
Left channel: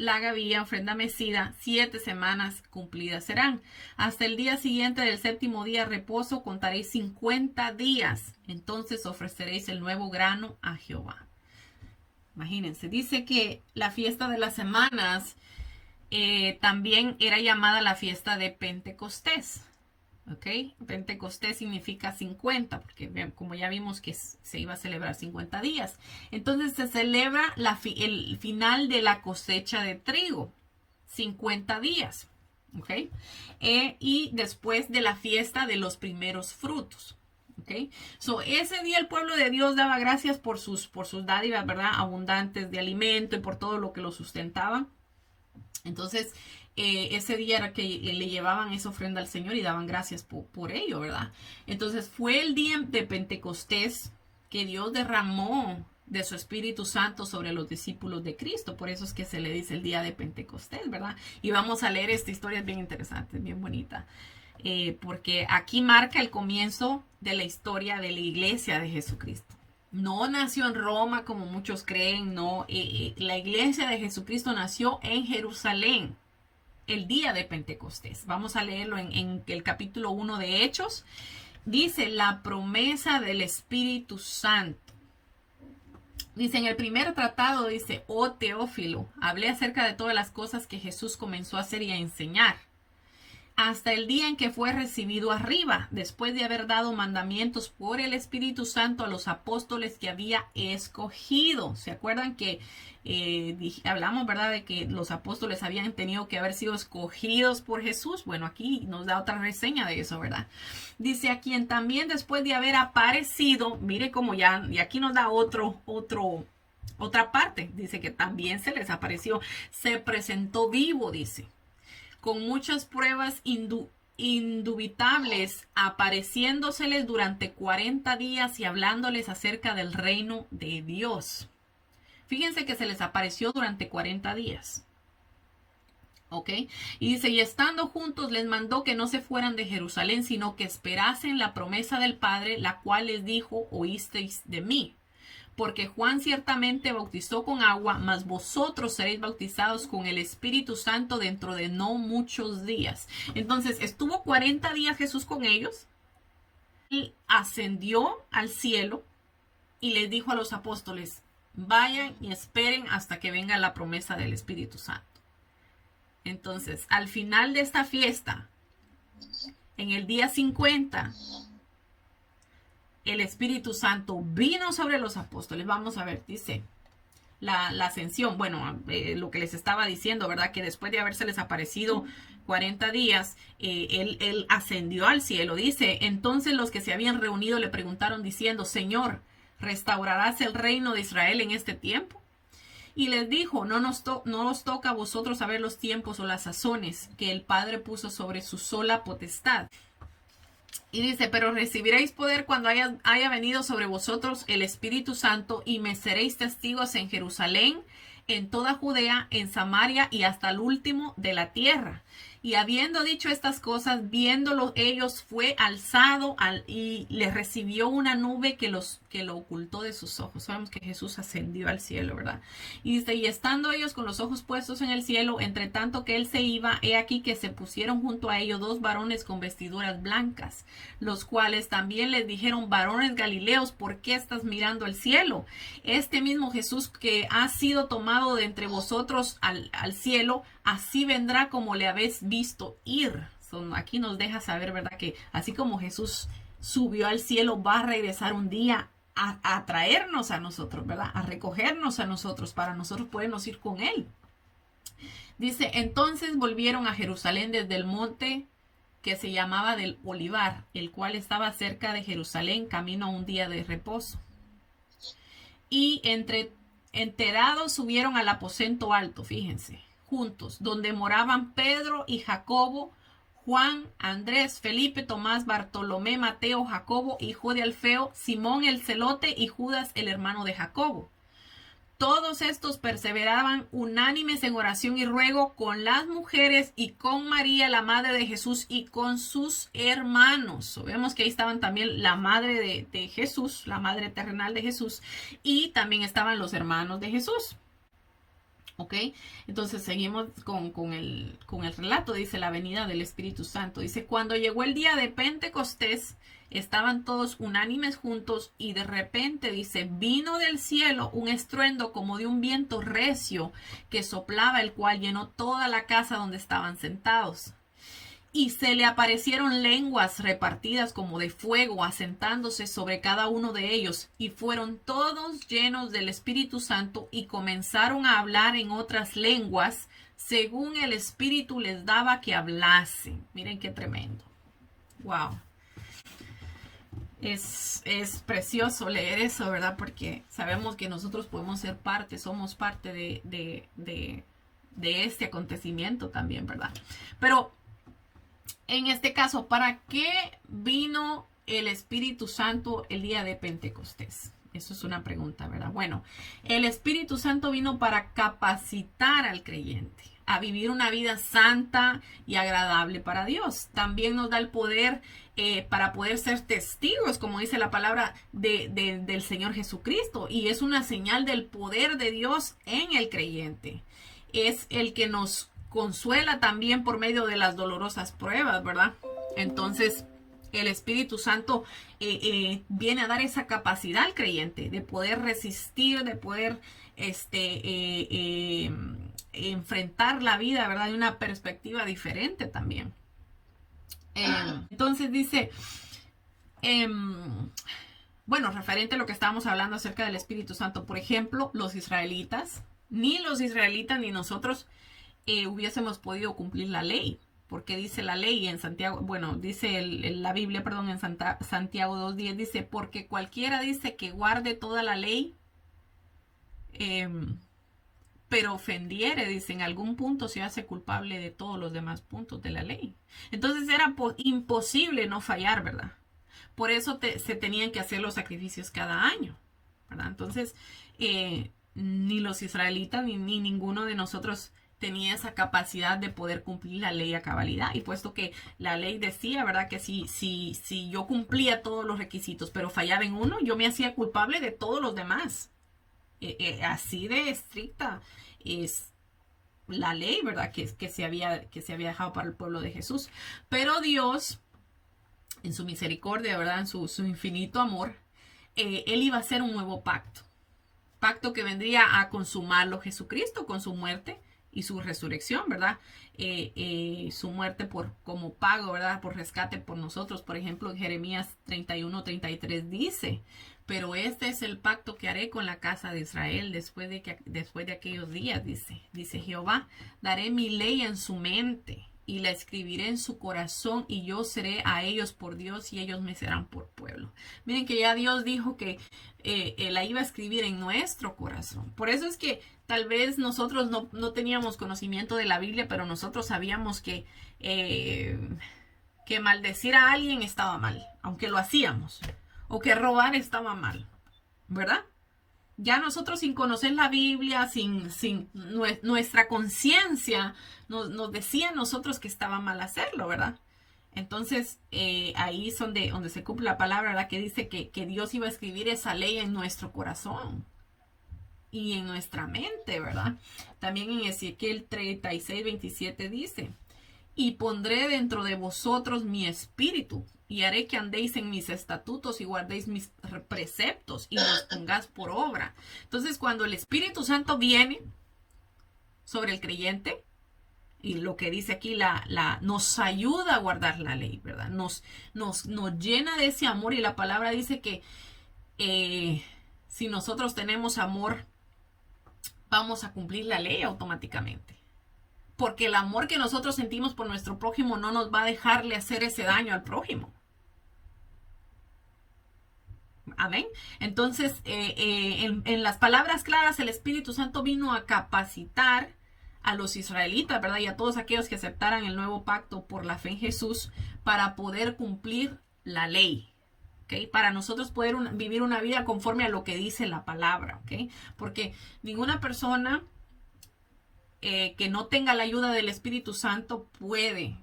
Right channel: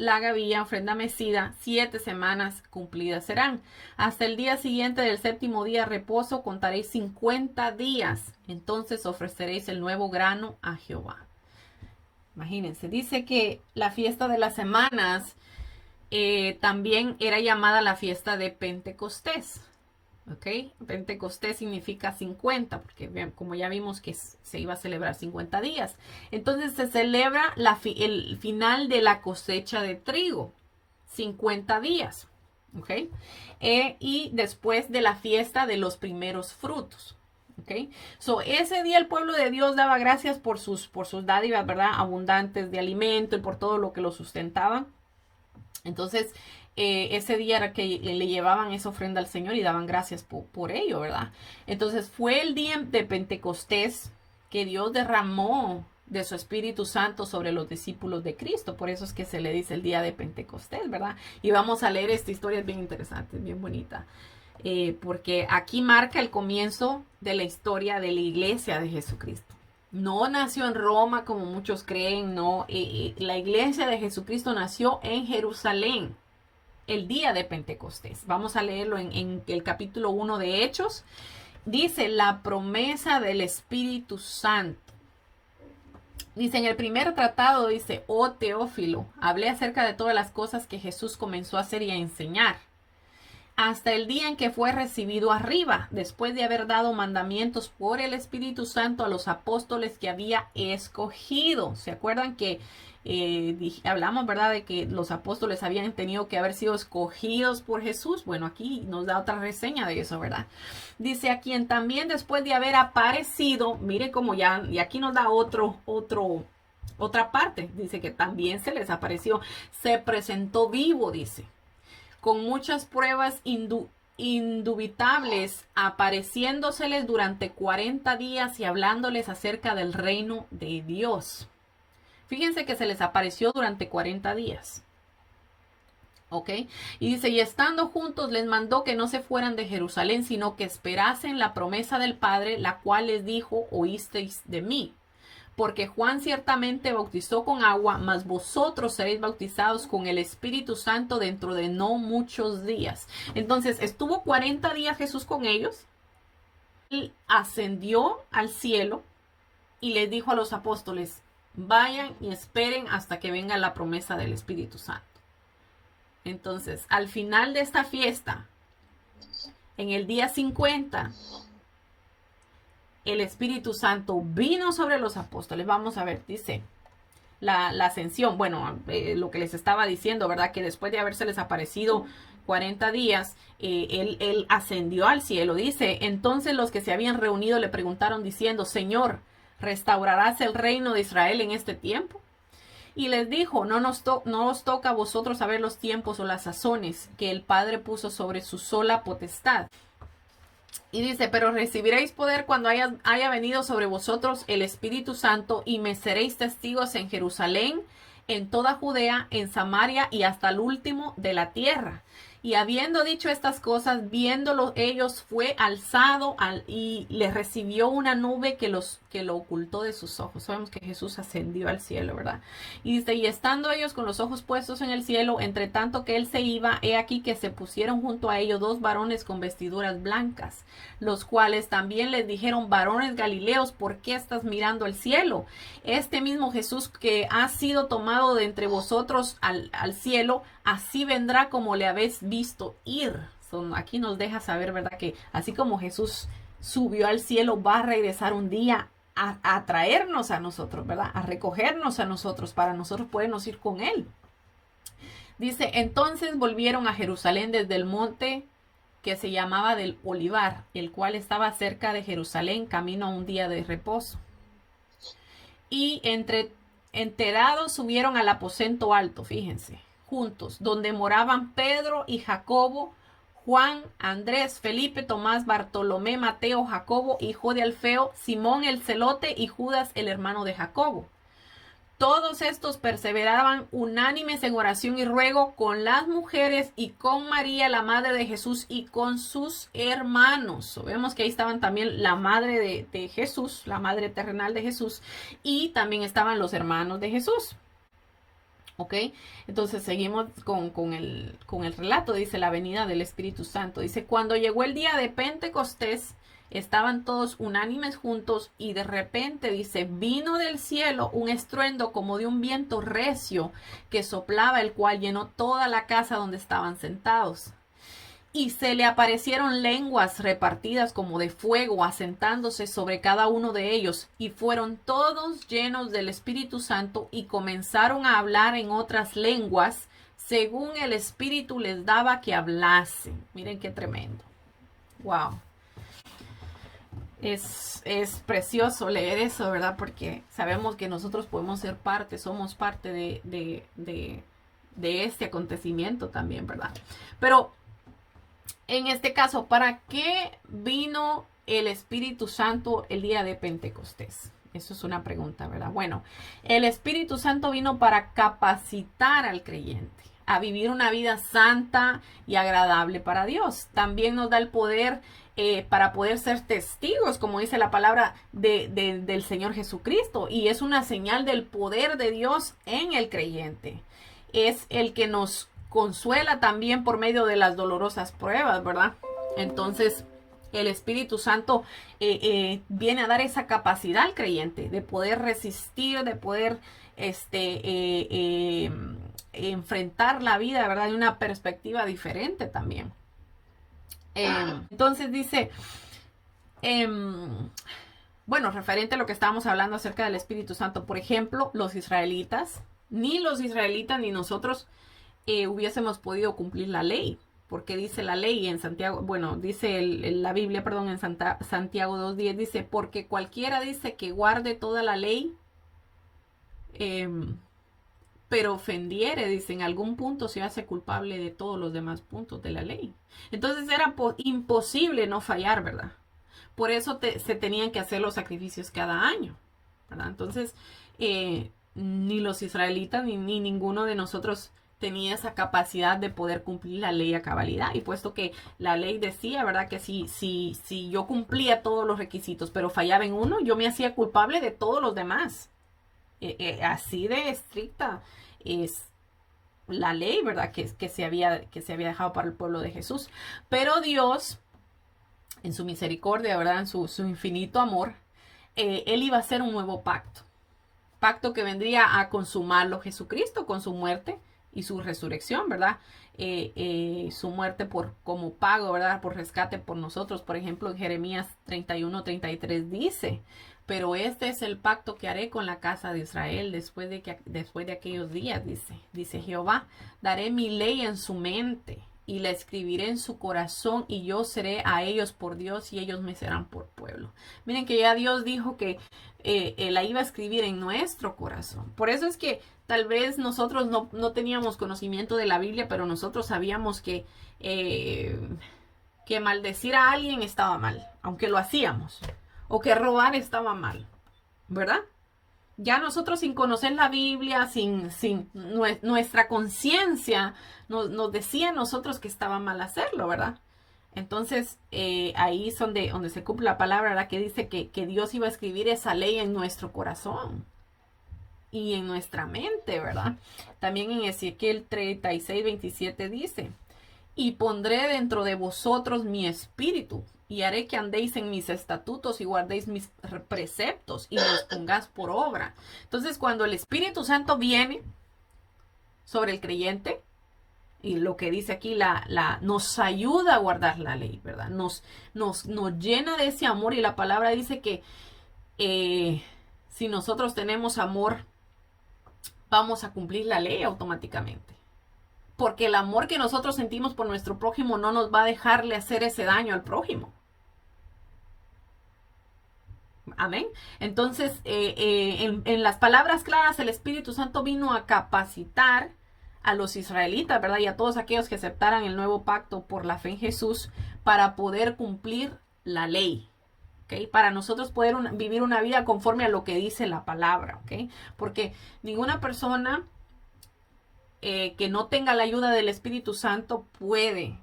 la gavilla, ofrenda mecida, 7 semanas cumplidas serán. Hasta el día siguiente del séptimo día reposo contaréis 50 días. Entonces ofreceréis el nuevo grano a Jehová. Imagínense, dice que la fiesta de las semanas también era llamada la fiesta de Pentecostés. ¿Ok? Pentecostés significa 50, porque como ya vimos que se iba a celebrar 50 días. Entonces se celebra el final de la cosecha de trigo, 50 días. ¿Ok? Y después de la fiesta de los primeros frutos. ¿Ok? So, ese día el pueblo de Dios daba gracias por sus dádivas, ¿verdad? Abundantes de alimento y por todo lo que lo sustentaba. Entonces, ese día era que le llevaban esa ofrenda al Señor y daban gracias por ello, ¿verdad? Entonces, fue el día de Pentecostés que Dios derramó de su Espíritu Santo sobre los discípulos de Cristo. Por eso es que se le dice el día de Pentecostés, ¿verdad? Y vamos a leer esta historia, es bien interesante, bien bonita. Porque aquí marca el comienzo de la historia de la iglesia de Jesucristo. No nació en Roma como muchos creen, no. La iglesia de Jesucristo nació en Jerusalén el día de Pentecostés. Vamos a leerlo en el capítulo 1 de Hechos. Dice la promesa del Espíritu Santo. Dice en el primer tratado, dice, oh Teófilo, hablé acerca de todas las cosas que Jesús comenzó a hacer y a enseñar, hasta el día en que fue recibido arriba, después de haber dado mandamientos por el Espíritu Santo a los apóstoles que había escogido. ¿Se acuerdan que hablamos, verdad, de que los apóstoles habían tenido que haber sido escogidos por Jesús? Bueno, aquí nos da otra reseña de eso, ¿verdad? Dice, a quien también después de haber aparecido, mire como ya, y aquí nos da otra parte. Dice que también se les apareció, se presentó vivo, dice, con muchas pruebas indubitables, apareciéndoseles durante 40 días y hablándoles acerca del reino de Dios. Fíjense que se les apareció durante 40 días. ¿Ok? Y dice, y estando juntos les mandó que no se fueran de Jerusalén, sino que esperasen la promesa del Padre, la cual les dijo, oísteis de mí. Porque Juan ciertamente bautizó con agua, mas vosotros seréis bautizados con el Espíritu Santo dentro de no muchos días. Entonces, estuvo 40 días Jesús con ellos. Él ascendió al cielo y les dijo a los apóstoles, vayan y esperen hasta que venga la promesa del Espíritu Santo. Entonces, al final de esta fiesta, en el día 50, el Espíritu Santo vino sobre los apóstoles. Vamos a ver, dice la ascensión. Bueno, lo que les estaba diciendo, ¿verdad? Que después de habérseles aparecido 40 días, él ascendió al cielo. Dice, entonces los que se habían reunido le preguntaron diciendo, Señor, ¿restaurarás el reino de Israel en este tiempo? Y les dijo, no os toca a vosotros saber los tiempos o las sazones que el Padre puso sobre su sola potestad. Y dice, pero recibiréis poder cuando haya venido sobre vosotros el Espíritu Santo y me seréis testigos en Jerusalén, en toda Judea, en Samaria y hasta el último de la tierra. Y habiendo dicho estas cosas, viéndolo ellos, fue alzado y les recibió una nube que lo ocultó de sus ojos. Sabemos que Jesús ascendió al cielo, ¿verdad? Y dice, y estando ellos con los ojos puestos en el cielo, entre tanto que él se iba, he aquí que se pusieron junto a ellos 2 varones con vestiduras blancas, los cuales también les dijeron, varones galileos, ¿por qué estás mirando al cielo? Este mismo Jesús que ha sido tomado de entre vosotros al cielo, así vendrá como le habéis visto ir. Aquí nos deja saber, ¿verdad? Que así como Jesús subió al cielo, va a regresar un día a traernos a nosotros, ¿verdad? A recogernos a nosotros, para nosotros podernos ir con él. Dice, entonces volvieron a Jerusalén desde el monte que se llamaba del Olivar, el cual estaba cerca de Jerusalén, camino a un día de reposo. Y enterados subieron al aposento alto, fíjense, juntos, donde moraban Pedro y Jacobo, Juan, Andrés, Felipe, Tomás, Bartolomé, Mateo, Jacobo, hijo de Alfeo, Simón el celote y Judas el hermano de Jacobo. Todos estos perseveraban unánimes en oración y ruego con las mujeres y con María, la madre de Jesús, y con sus hermanos. Vemos que ahí estaban también la madre de Jesús, la madre terrenal de Jesús, y también estaban los hermanos de Jesús. ¿Ok? Entonces seguimos con el relato. Dice la venida del Espíritu Santo. Dice, cuando llegó el día de Pentecostés, estaban todos unánimes juntos y de repente, dice, vino del cielo un estruendo como de un viento recio que soplaba, el cual llenó toda la casa donde estaban sentados. Y se le aparecieron lenguas repartidas como de fuego, asentándose sobre cada uno de ellos, y fueron todos llenos del Espíritu Santo y comenzaron a hablar en otras lenguas, según el Espíritu les daba que hablasen. Miren qué tremendo. Wow. Es precioso leer eso, ¿verdad? Porque sabemos que nosotros podemos ser parte, somos parte de este acontecimiento también, ¿verdad? Pero en este caso, ¿para qué vino el Espíritu Santo el día de Pentecostés? Eso es una pregunta, ¿verdad? Bueno, el Espíritu Santo vino para capacitar al creyente a vivir una vida santa y agradable para Dios. También nos da el poder para poder ser testigos, como dice la palabra del Señor Jesucristo. Y es una señal del poder de Dios en el creyente. Es el que nos consuela también por medio de las dolorosas pruebas, ¿verdad? Entonces, el Espíritu Santo viene a dar esa capacidad al creyente de poder resistir, de poder enfrentar la vida, ¿verdad? De una perspectiva diferente también. Entonces dice, bueno, referente a lo que estábamos hablando acerca del Espíritu Santo, por ejemplo, los israelitas ni nosotros hubiésemos podido cumplir la ley, porque dice la ley en Santiago, bueno, dice la Biblia, perdón, en Santiago 2:10 dice, porque cualquiera dice que guarde toda la ley, pero ofendiere, dice, en algún punto se hace culpable de todos los demás puntos de la ley. Entonces era imposible no fallar, ¿verdad? Por eso se tenían que hacer los sacrificios cada año, ¿verdad? Entonces, ni los israelitas ni ninguno de nosotros tenía esa capacidad de poder cumplir la ley a cabalidad. Y puesto que la ley decía, ¿verdad? Que si yo cumplía todos los requisitos, pero fallaba en uno, yo me hacía culpable de todos los demás. Así de estricta es la ley, ¿verdad? Que se había dejado para el pueblo de Jesús. Pero Dios, en su misericordia, ¿verdad? En su infinito amor, Él iba a hacer un nuevo pacto. Pacto que vendría a consumarlo Jesucristo con su muerte y su resurrección, ¿verdad? Su muerte como pago, ¿verdad? Por rescate por nosotros. Por ejemplo, en Jeremías 31:33 dice, pero este es el pacto que haré con la casa de Israel después de aquellos días, dice Jehová, daré mi ley en su mente y la escribiré en su corazón y yo seré a ellos por Dios y ellos me serán por pueblo. Miren que ya Dios dijo que la iba a escribir en nuestro corazón. Por eso es que tal vez nosotros no teníamos conocimiento de la Biblia, pero nosotros sabíamos que maldecir a alguien estaba mal, aunque lo hacíamos, o que robar estaba mal, ¿verdad? Ya nosotros sin conocer la Biblia, sin nuestra conciencia nos decía a nosotros que estaba mal hacerlo, ¿verdad? Entonces, ahí es donde se cumple la palabra, ¿verdad? Que dice que Dios iba a escribir esa ley en nuestro corazón y en nuestra mente, ¿verdad? También en Ezequiel 36:27 dice, y pondré dentro de vosotros mi espíritu, y haré que andéis en mis estatutos y guardéis mis preceptos y los pongáis por obra. Entonces, cuando el Espíritu Santo viene sobre el creyente, y lo que dice aquí, nos ayuda a guardar la ley, ¿verdad? Nos llena de ese amor, y la palabra dice que si nosotros tenemos amor, vamos a cumplir la ley automáticamente. Porque el amor que nosotros sentimos por nuestro prójimo no nos va a dejarle hacer ese daño al prójimo. Amén. Entonces, en las palabras claras, el Espíritu Santo vino a capacitar a los israelitas, ¿verdad? Y a todos aquellos que aceptaran el nuevo pacto por la fe en Jesús para poder cumplir la ley. ¿Okay? Para nosotros poder vivir una vida conforme a lo que dice la palabra. ¿Okay? Porque ninguna persona que no tenga la ayuda del Espíritu Santo puede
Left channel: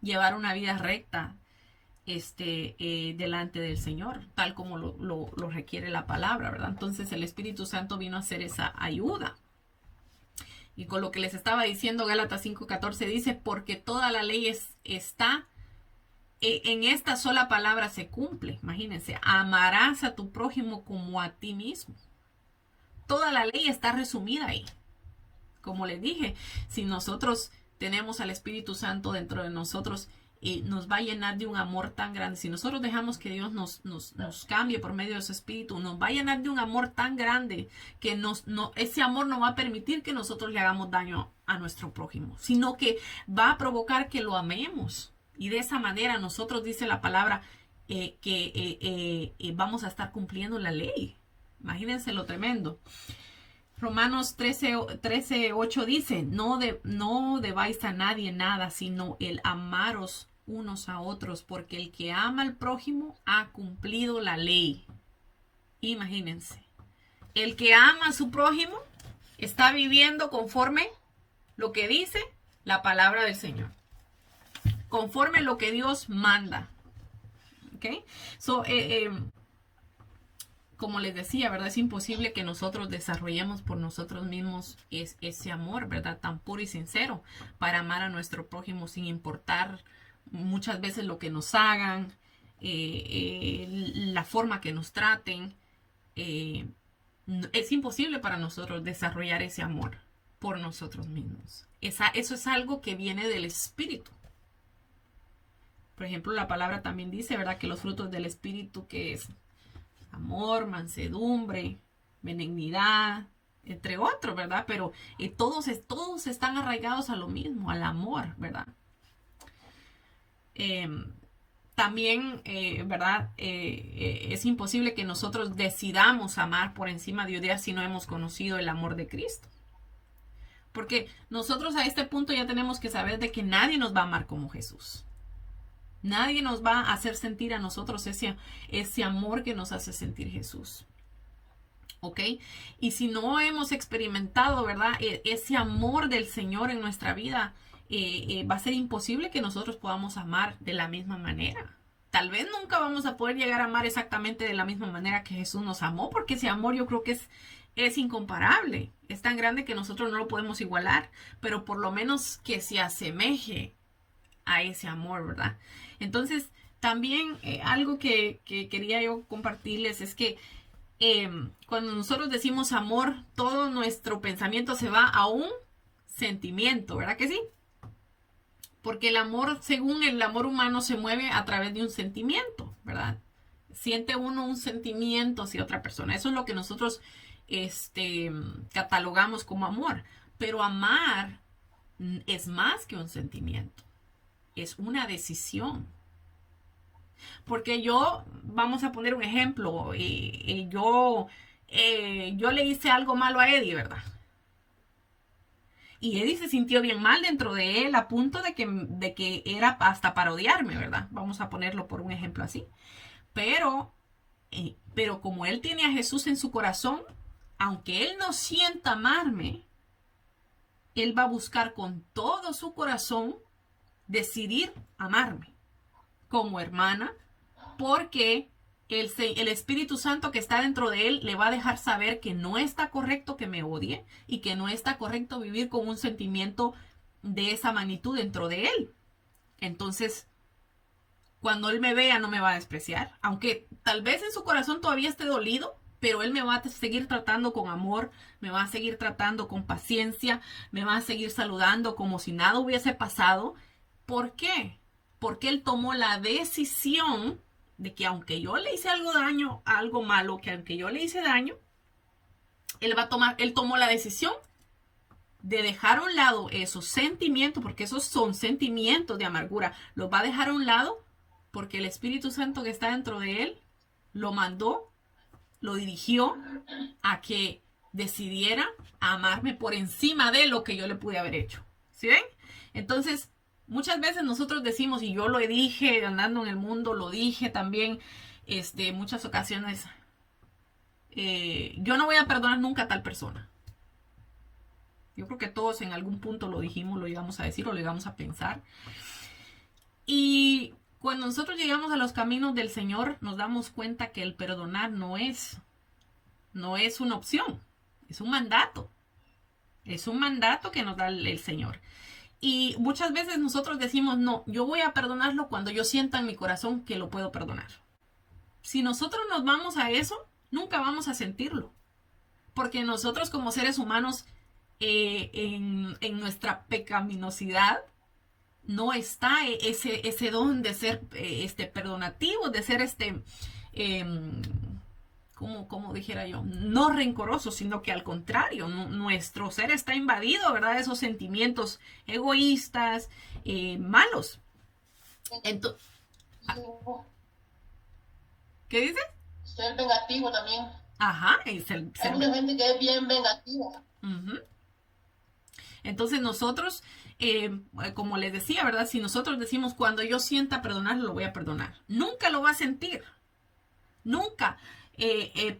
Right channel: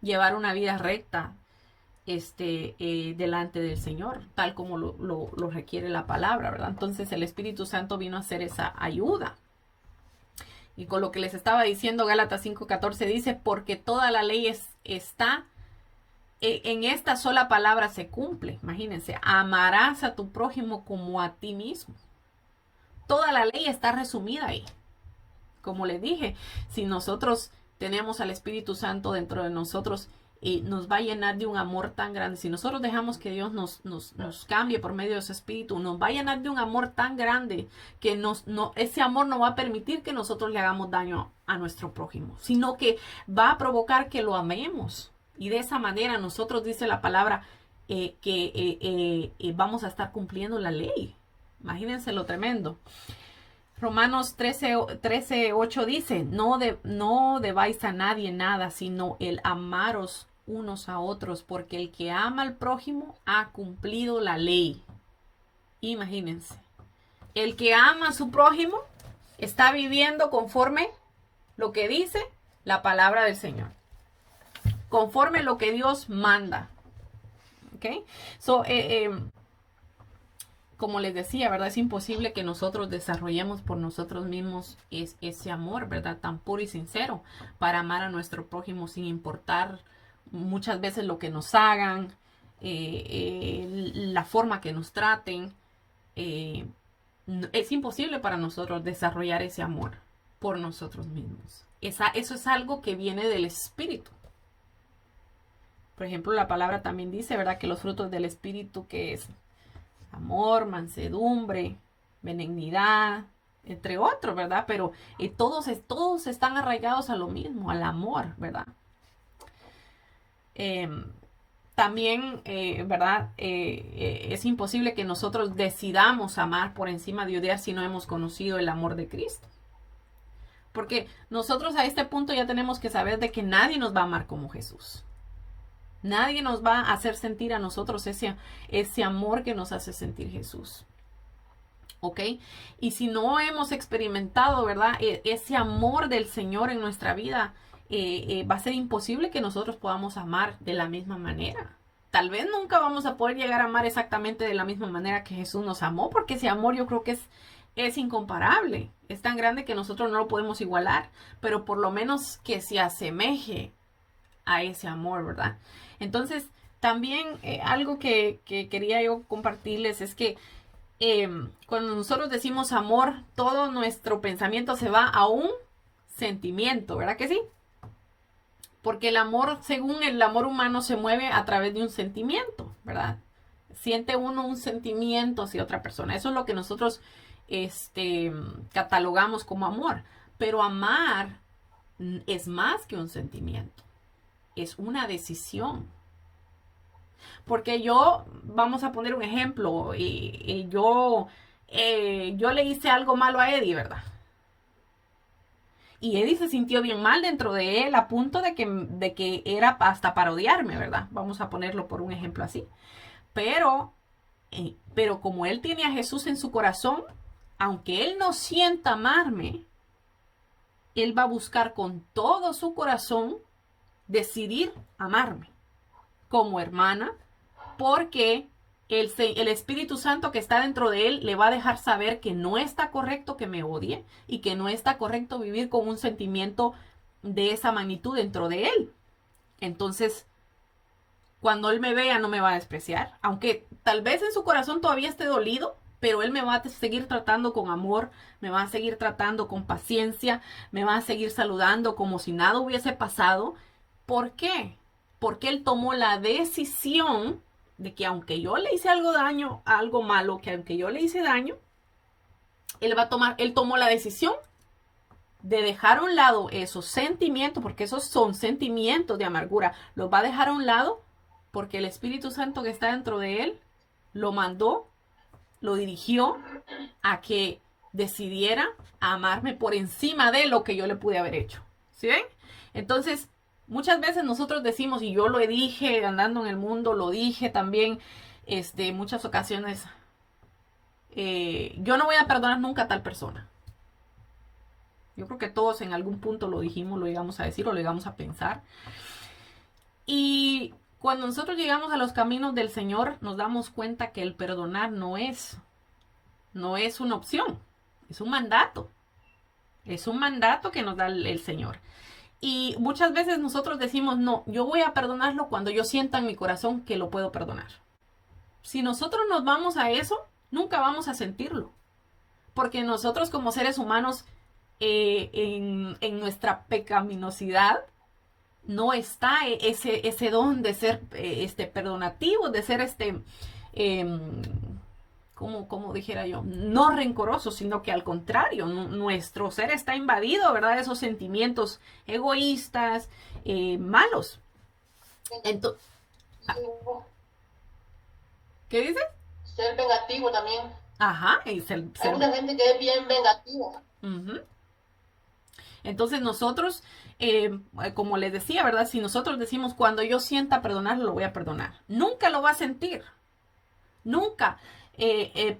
llevar una vida recta delante del Señor, tal como lo requiere la palabra, ¿verdad? Entonces el Espíritu Santo vino a hacer esa ayuda. Y con lo que les estaba diciendo, Gálatas 5:14 dice, porque toda la ley está en esta sola palabra se cumple. Imagínense, amarás a tu prójimo como a ti mismo. Toda la ley está resumida ahí. Como les dije, si nosotros tenemos al Espíritu Santo dentro de nosotros, nos va a llenar de un amor tan grande. Si nosotros dejamos que Dios nos cambie por medio de su Espíritu, nos va a llenar de un amor tan grande que ese amor no va a permitir que nosotros le hagamos daño a nuestro prójimo, sino que va a provocar que lo amemos. Y de esa manera nosotros, dice la palabra, que vamos a estar cumpliendo la ley. Imagínense lo tremendo. Romanos 13:8 dice, no debáis a nadie nada, sino el amaros unos a otros, porque el que ama al prójimo ha cumplido la ley. Imagínense, el que ama a su prójimo está viviendo conforme lo que dice la palabra del Señor, conforme lo que Dios manda. ¿Ok? Como les decía, ¿verdad? Es imposible que nosotros desarrollemos por nosotros mismos ese amor, ¿verdad? Tan puro y sincero para amar a nuestro prójimo sin importar muchas veces lo que nos hagan, la forma que nos traten. Es imposible para nosotros desarrollar ese amor por nosotros mismos. Eso es algo que viene del Espíritu. Por ejemplo, la palabra también dice, ¿verdad? Que los frutos del Espíritu, que es amor, mansedumbre, benignidad, entre otros, ¿verdad? Pero todos están arraigados a lo mismo, al amor, ¿verdad? También, ¿verdad? Es imposible que nosotros decidamos amar por encima de odiar si no hemos conocido el amor de Cristo. Porque nosotros a este punto ya tenemos que saber de que nadie nos va a amar como Jesús. Nadie nos va a hacer sentir a nosotros ese amor que nos hace sentir Jesús. ¿Ok? Y si no hemos experimentado, ¿verdad? Ese amor del Señor en nuestra vida, va a ser imposible que nosotros podamos amar de la misma manera. Tal vez nunca vamos a poder llegar a amar exactamente de la misma manera que Jesús nos amó, porque ese amor yo creo que es incomparable. Es tan grande que nosotros no lo podemos igualar, pero por lo menos que se asemeje a ese amor, ¿verdad? Entonces, también algo que quería yo compartirles es que cuando nosotros decimos amor, todo nuestro pensamiento se va a un sentimiento, ¿verdad que sí? Porque el amor, según el amor humano, se mueve a través de un sentimiento, ¿verdad? Siente uno un sentimiento hacia otra persona. Eso es lo que nosotros catalogamos como amor. Pero amar es más que un sentimiento. Es una decisión. Porque vamos a poner un ejemplo, yo le hice algo malo a Eddie, ¿verdad? Y Eddie se sintió bien mal dentro de él, a punto de que era hasta para odiarme, ¿verdad? Vamos a ponerlo por un ejemplo así. Pero como él tiene a Jesús en su corazón, aunque él no sienta amarme, él va a buscar con todo su corazón decidir amarme como hermana, porque el Espíritu Santo que está dentro de él le va a dejar saber que no está correcto que me odie y que no está correcto vivir con un sentimiento de esa magnitud dentro de él. Entonces, cuando él me vea, no me va a despreciar, aunque tal vez en su corazón todavía esté dolido, pero él me va a seguir tratando con amor, me va a seguir tratando con paciencia, me va a seguir saludando como si nada hubiese pasado. ¿Por qué? Porque él tomó la decisión de que aunque yo le hice algo malo, que aunque yo le hice daño, él tomó la decisión de dejar a un lado esos sentimientos, porque esos son sentimientos de amargura, los va a dejar a un lado porque el Espíritu Santo que está dentro de él lo mandó, lo dirigió a que decidiera amarme por encima de lo que yo le pude haber hecho. ¿Sí ven? Entonces, muchas veces nosotros decimos, y yo lo dije andando en el mundo, lo dije también muchas ocasiones, yo no voy a perdonar nunca a tal persona. Yo creo que todos en algún punto lo dijimos, lo llegamos a decir o lo llegamos a pensar. Y cuando nosotros llegamos a los caminos del Señor, nos damos cuenta que el perdonar no es una opción, es un mandato. Es un mandato que nos da el Señor. Y muchas veces nosotros decimos, no, yo voy a perdonarlo cuando yo sienta en mi corazón que lo puedo perdonar. Si nosotros nos vamos a eso, nunca vamos a sentirlo. Porque nosotros como seres humanos, en nuestra pecaminosidad, no está ese don de ser perdonativo, de ser como dijera yo, no rencoroso, sino que al contrario, nuestro ser está invadido, ¿verdad? Esos sentimientos egoístas, malos. Entonces, ¿qué dices? Ser vengativo también. Ajá, Hay mucha gente que es bien vengativa. Uh-huh. Entonces nosotros, como les decía, ¿verdad? Si nosotros decimos, cuando yo sienta perdonarlo, lo voy a perdonar. Nunca lo va a sentir. Nunca.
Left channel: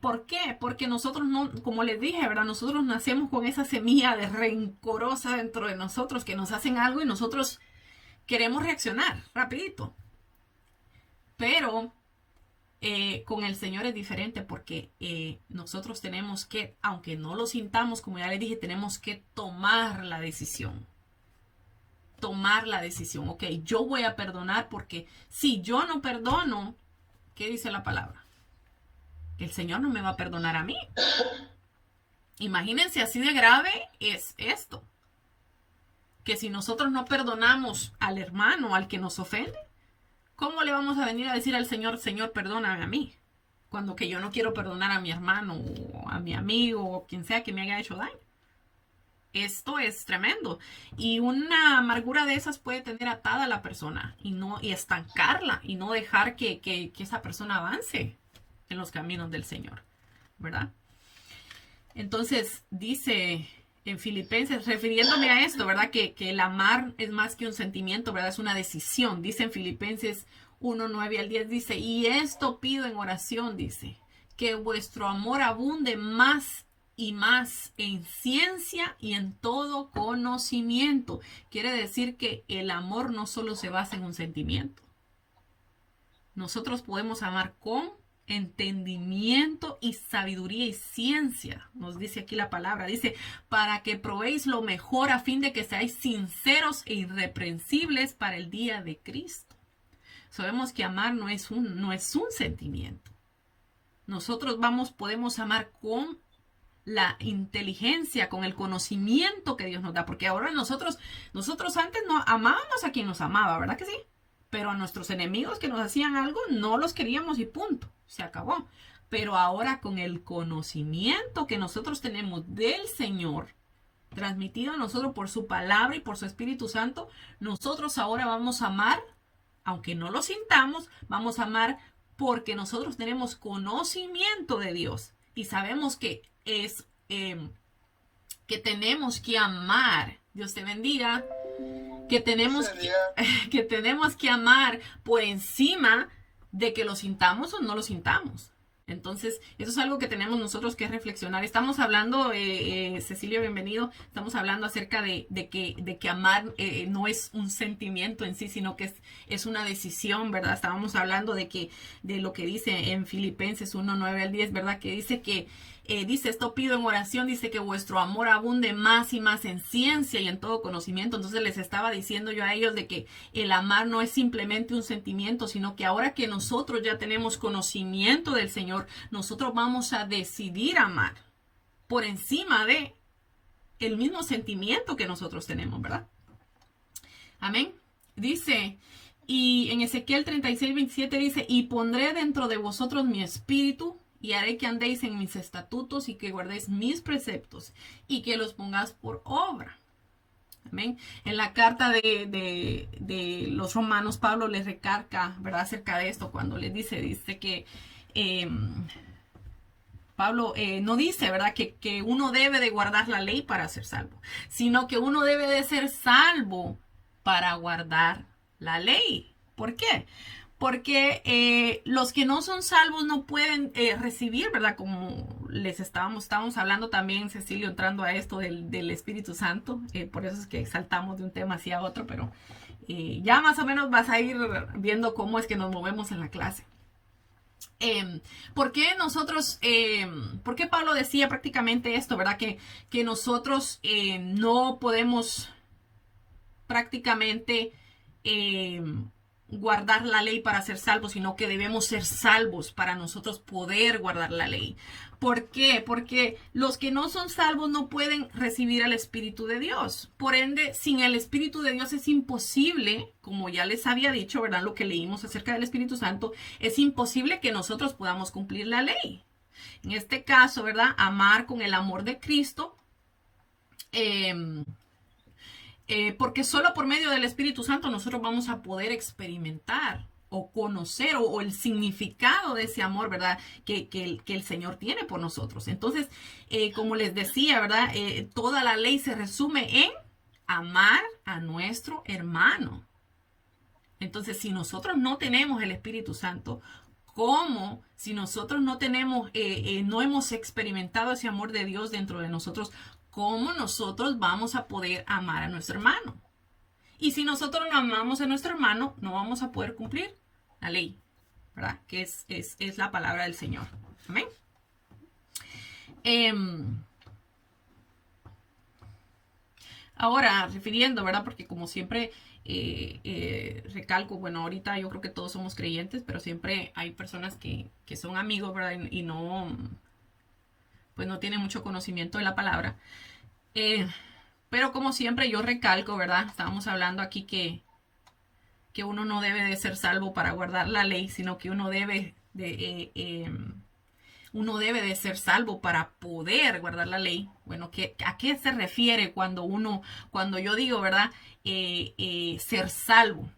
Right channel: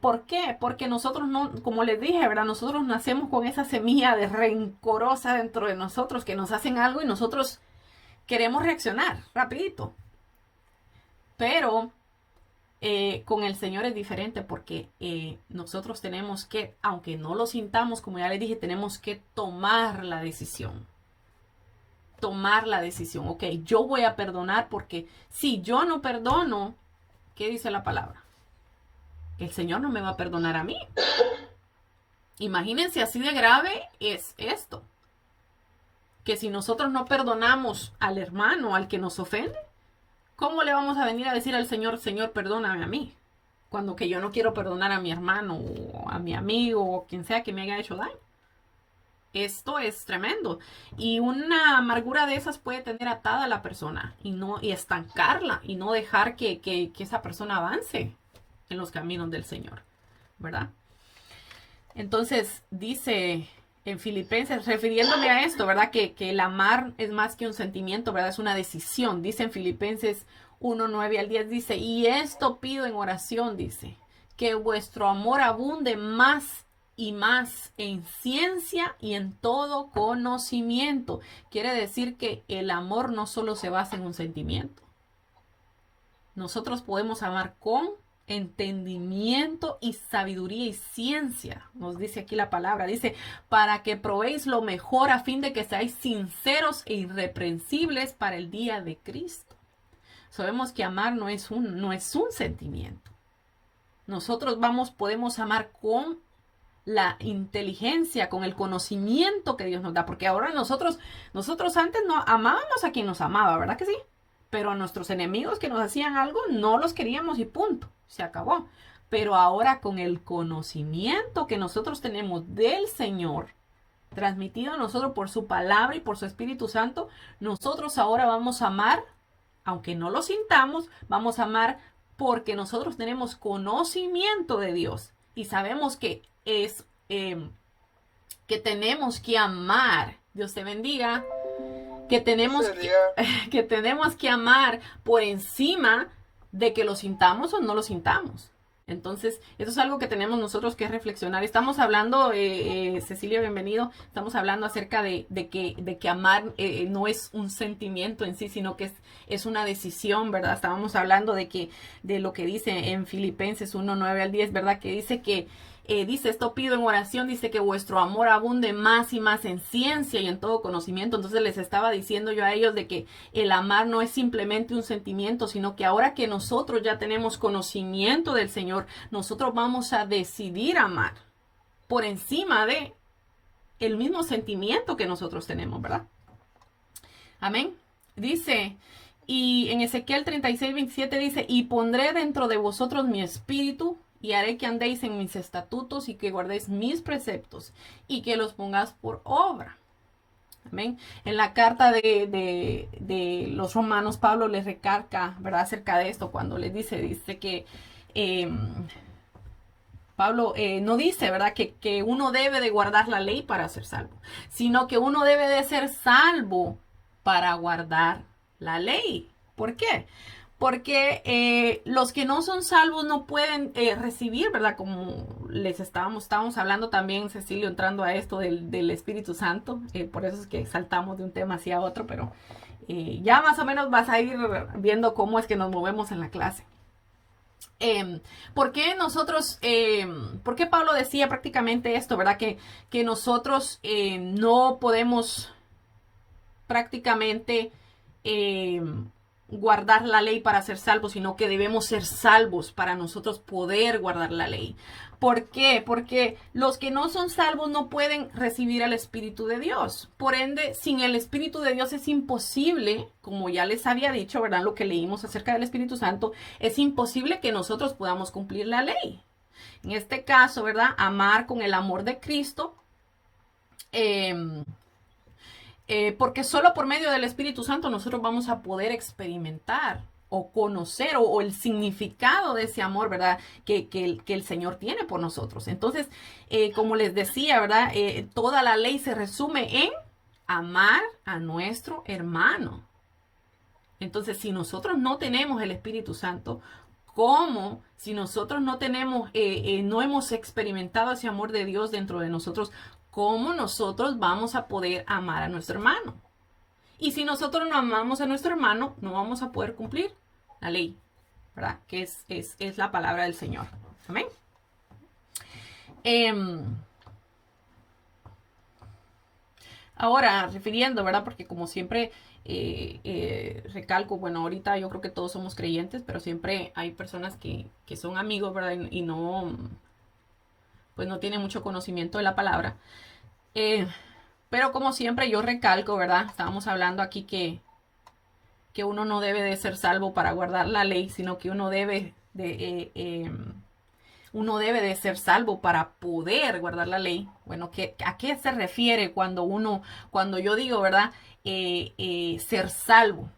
¿Por qué? Porque nosotros no, como les dije, ¿verdad? Nosotros nacemos con esa semilla de rencorosa dentro de nosotros, que nos hacen algo y nosotros queremos reaccionar rapidito. Pero con el Señor es diferente, porque nosotros tenemos que, aunque no lo sintamos, como ya les dije, tenemos que tomar la decisión. Tomar la decisión. Ok, yo voy a perdonar, porque si yo no perdono, ¿qué dice la palabra? El Señor no me va a perdonar a mí. Imagínense, así de grave es esto. Que si nosotros no perdonamos al hermano, al que nos ofende, ¿cómo le vamos a venir a decir al Señor, Señor, perdóname a mí? Cuando que yo no quiero perdonar a mi hermano, o a mi amigo, o quien sea que me haya hecho daño. Esto es tremendo. Y una amargura de esas puede tener atada a la persona y estancarla, y no dejar que esa persona avance en los caminos del Señor, ¿verdad? Entonces dice en Filipenses, refiriéndome a esto, ¿verdad? Que el amar es más que un sentimiento, ¿verdad? Es una decisión. Dice en Filipenses 1:9-10, dice, y esto pido en oración, dice, que vuestro amor abunde más y más en ciencia y en todo conocimiento. Quiere decir que el amor no solo se basa en un sentimiento. Nosotros podemos amar con entendimiento y sabiduría y ciencia, nos dice aquí la palabra, dice, para que probéis lo mejor a fin de que seáis sinceros e irreprensibles para el día de Cristo. Sabemos que amar no es un sentimiento. Nosotros podemos amar con la inteligencia, con el conocimiento que Dios nos da, porque ahora nosotros antes no amábamos a quien nos amaba, ¿verdad que sí? Pero a nuestros enemigos que nos hacían algo, no los queríamos y punto, se acabó. Pero ahora, con el conocimiento que nosotros tenemos del Señor, transmitido a nosotros por su palabra y por su Espíritu Santo, nosotros ahora vamos a amar, aunque no lo sintamos, vamos a amar porque nosotros tenemos conocimiento de Dios y sabemos que es que tenemos que amar. Dios te bendiga. Que tenemos que amar por encima de que lo sintamos o no lo sintamos. Entonces, eso es algo que tenemos nosotros que reflexionar. Estamos hablando, Cecilia, bienvenido, estamos hablando acerca de que amar no es un sentimiento en sí, sino que es una decisión, ¿verdad? Estábamos hablando de lo que dice en Filipenses 1:9-10, ¿verdad? Que dice que dice, esto pido en oración, dice que vuestro amor abunde más y más en ciencia y en todo conocimiento. Entonces les estaba diciendo yo a ellos de que el amar no es simplemente un sentimiento, sino que ahora que nosotros ya tenemos conocimiento del Señor, nosotros vamos a decidir amar por encima de el mismo sentimiento que nosotros tenemos, ¿verdad? Amén. Dice, y en Ezequiel 36:27 dice, y pondré dentro de vosotros mi espíritu, y haré que andéis en mis estatutos y que guardéis mis preceptos y que los pongáis por obra. Amén. En la carta de los romanos, Pablo les recarga, ¿verdad? Acerca de esto, cuando les dice que Pablo no dice, ¿verdad? Que uno debe de guardar la ley para ser salvo, sino que uno debe de ser salvo para guardar la ley. ¿Por qué? Porque los que no son salvos no pueden recibir, ¿verdad? Como les estábamos hablando también, Cecilio, entrando a esto del Espíritu Santo. Por eso es que saltamos de un tema hacia otro, pero ya más o menos vas a ir viendo cómo es que nos movemos en la clase. ¿Por qué nosotros, por qué Pablo decía prácticamente esto, verdad? Que nosotros no podemos prácticamente eh, guardar la ley para ser salvos, sino que debemos ser salvos para nosotros poder guardar la ley. ¿Por qué? Porque los que no son salvos no pueden recibir al Espíritu de Dios. Por ende, sin el Espíritu de Dios es imposible, como ya les había dicho, ¿verdad? Lo que leímos acerca del Espíritu Santo, es imposible que nosotros podamos cumplir la ley. En este caso, ¿verdad? Amar con el amor de Cristo. Porque solo por medio del Espíritu Santo nosotros vamos a poder experimentar o conocer o el significado de ese amor, ¿verdad? Que el Señor tiene por nosotros. Entonces, como les decía, ¿verdad? Toda la ley se resume en amar a nuestro hermano. Entonces, si nosotros no tenemos el Espíritu Santo, ¿cómo? Si nosotros no tenemos, no hemos experimentado ese amor de Dios dentro de nosotros, ¿cómo nosotros vamos a poder amar a nuestro hermano? Y si nosotros no amamos a nuestro hermano, no vamos a poder cumplir la ley, ¿verdad? Que es la palabra del Señor. Amén. Ahora, refiriendo, ¿verdad? Porque como siempre recalco, bueno, ahorita yo creo que todos somos creyentes, pero siempre hay personas que son amigos, ¿verdad? Y no, pues no tienen mucho conocimiento de la palabra. Pero como siempre yo recalco, ¿verdad? Estábamos hablando aquí que uno no debe de ser salvo para guardar la ley, sino que uno debe de ser salvo para poder guardar la ley. Bueno, ¿a qué se refiere cuando yo digo, ¿verdad? Ser salvo.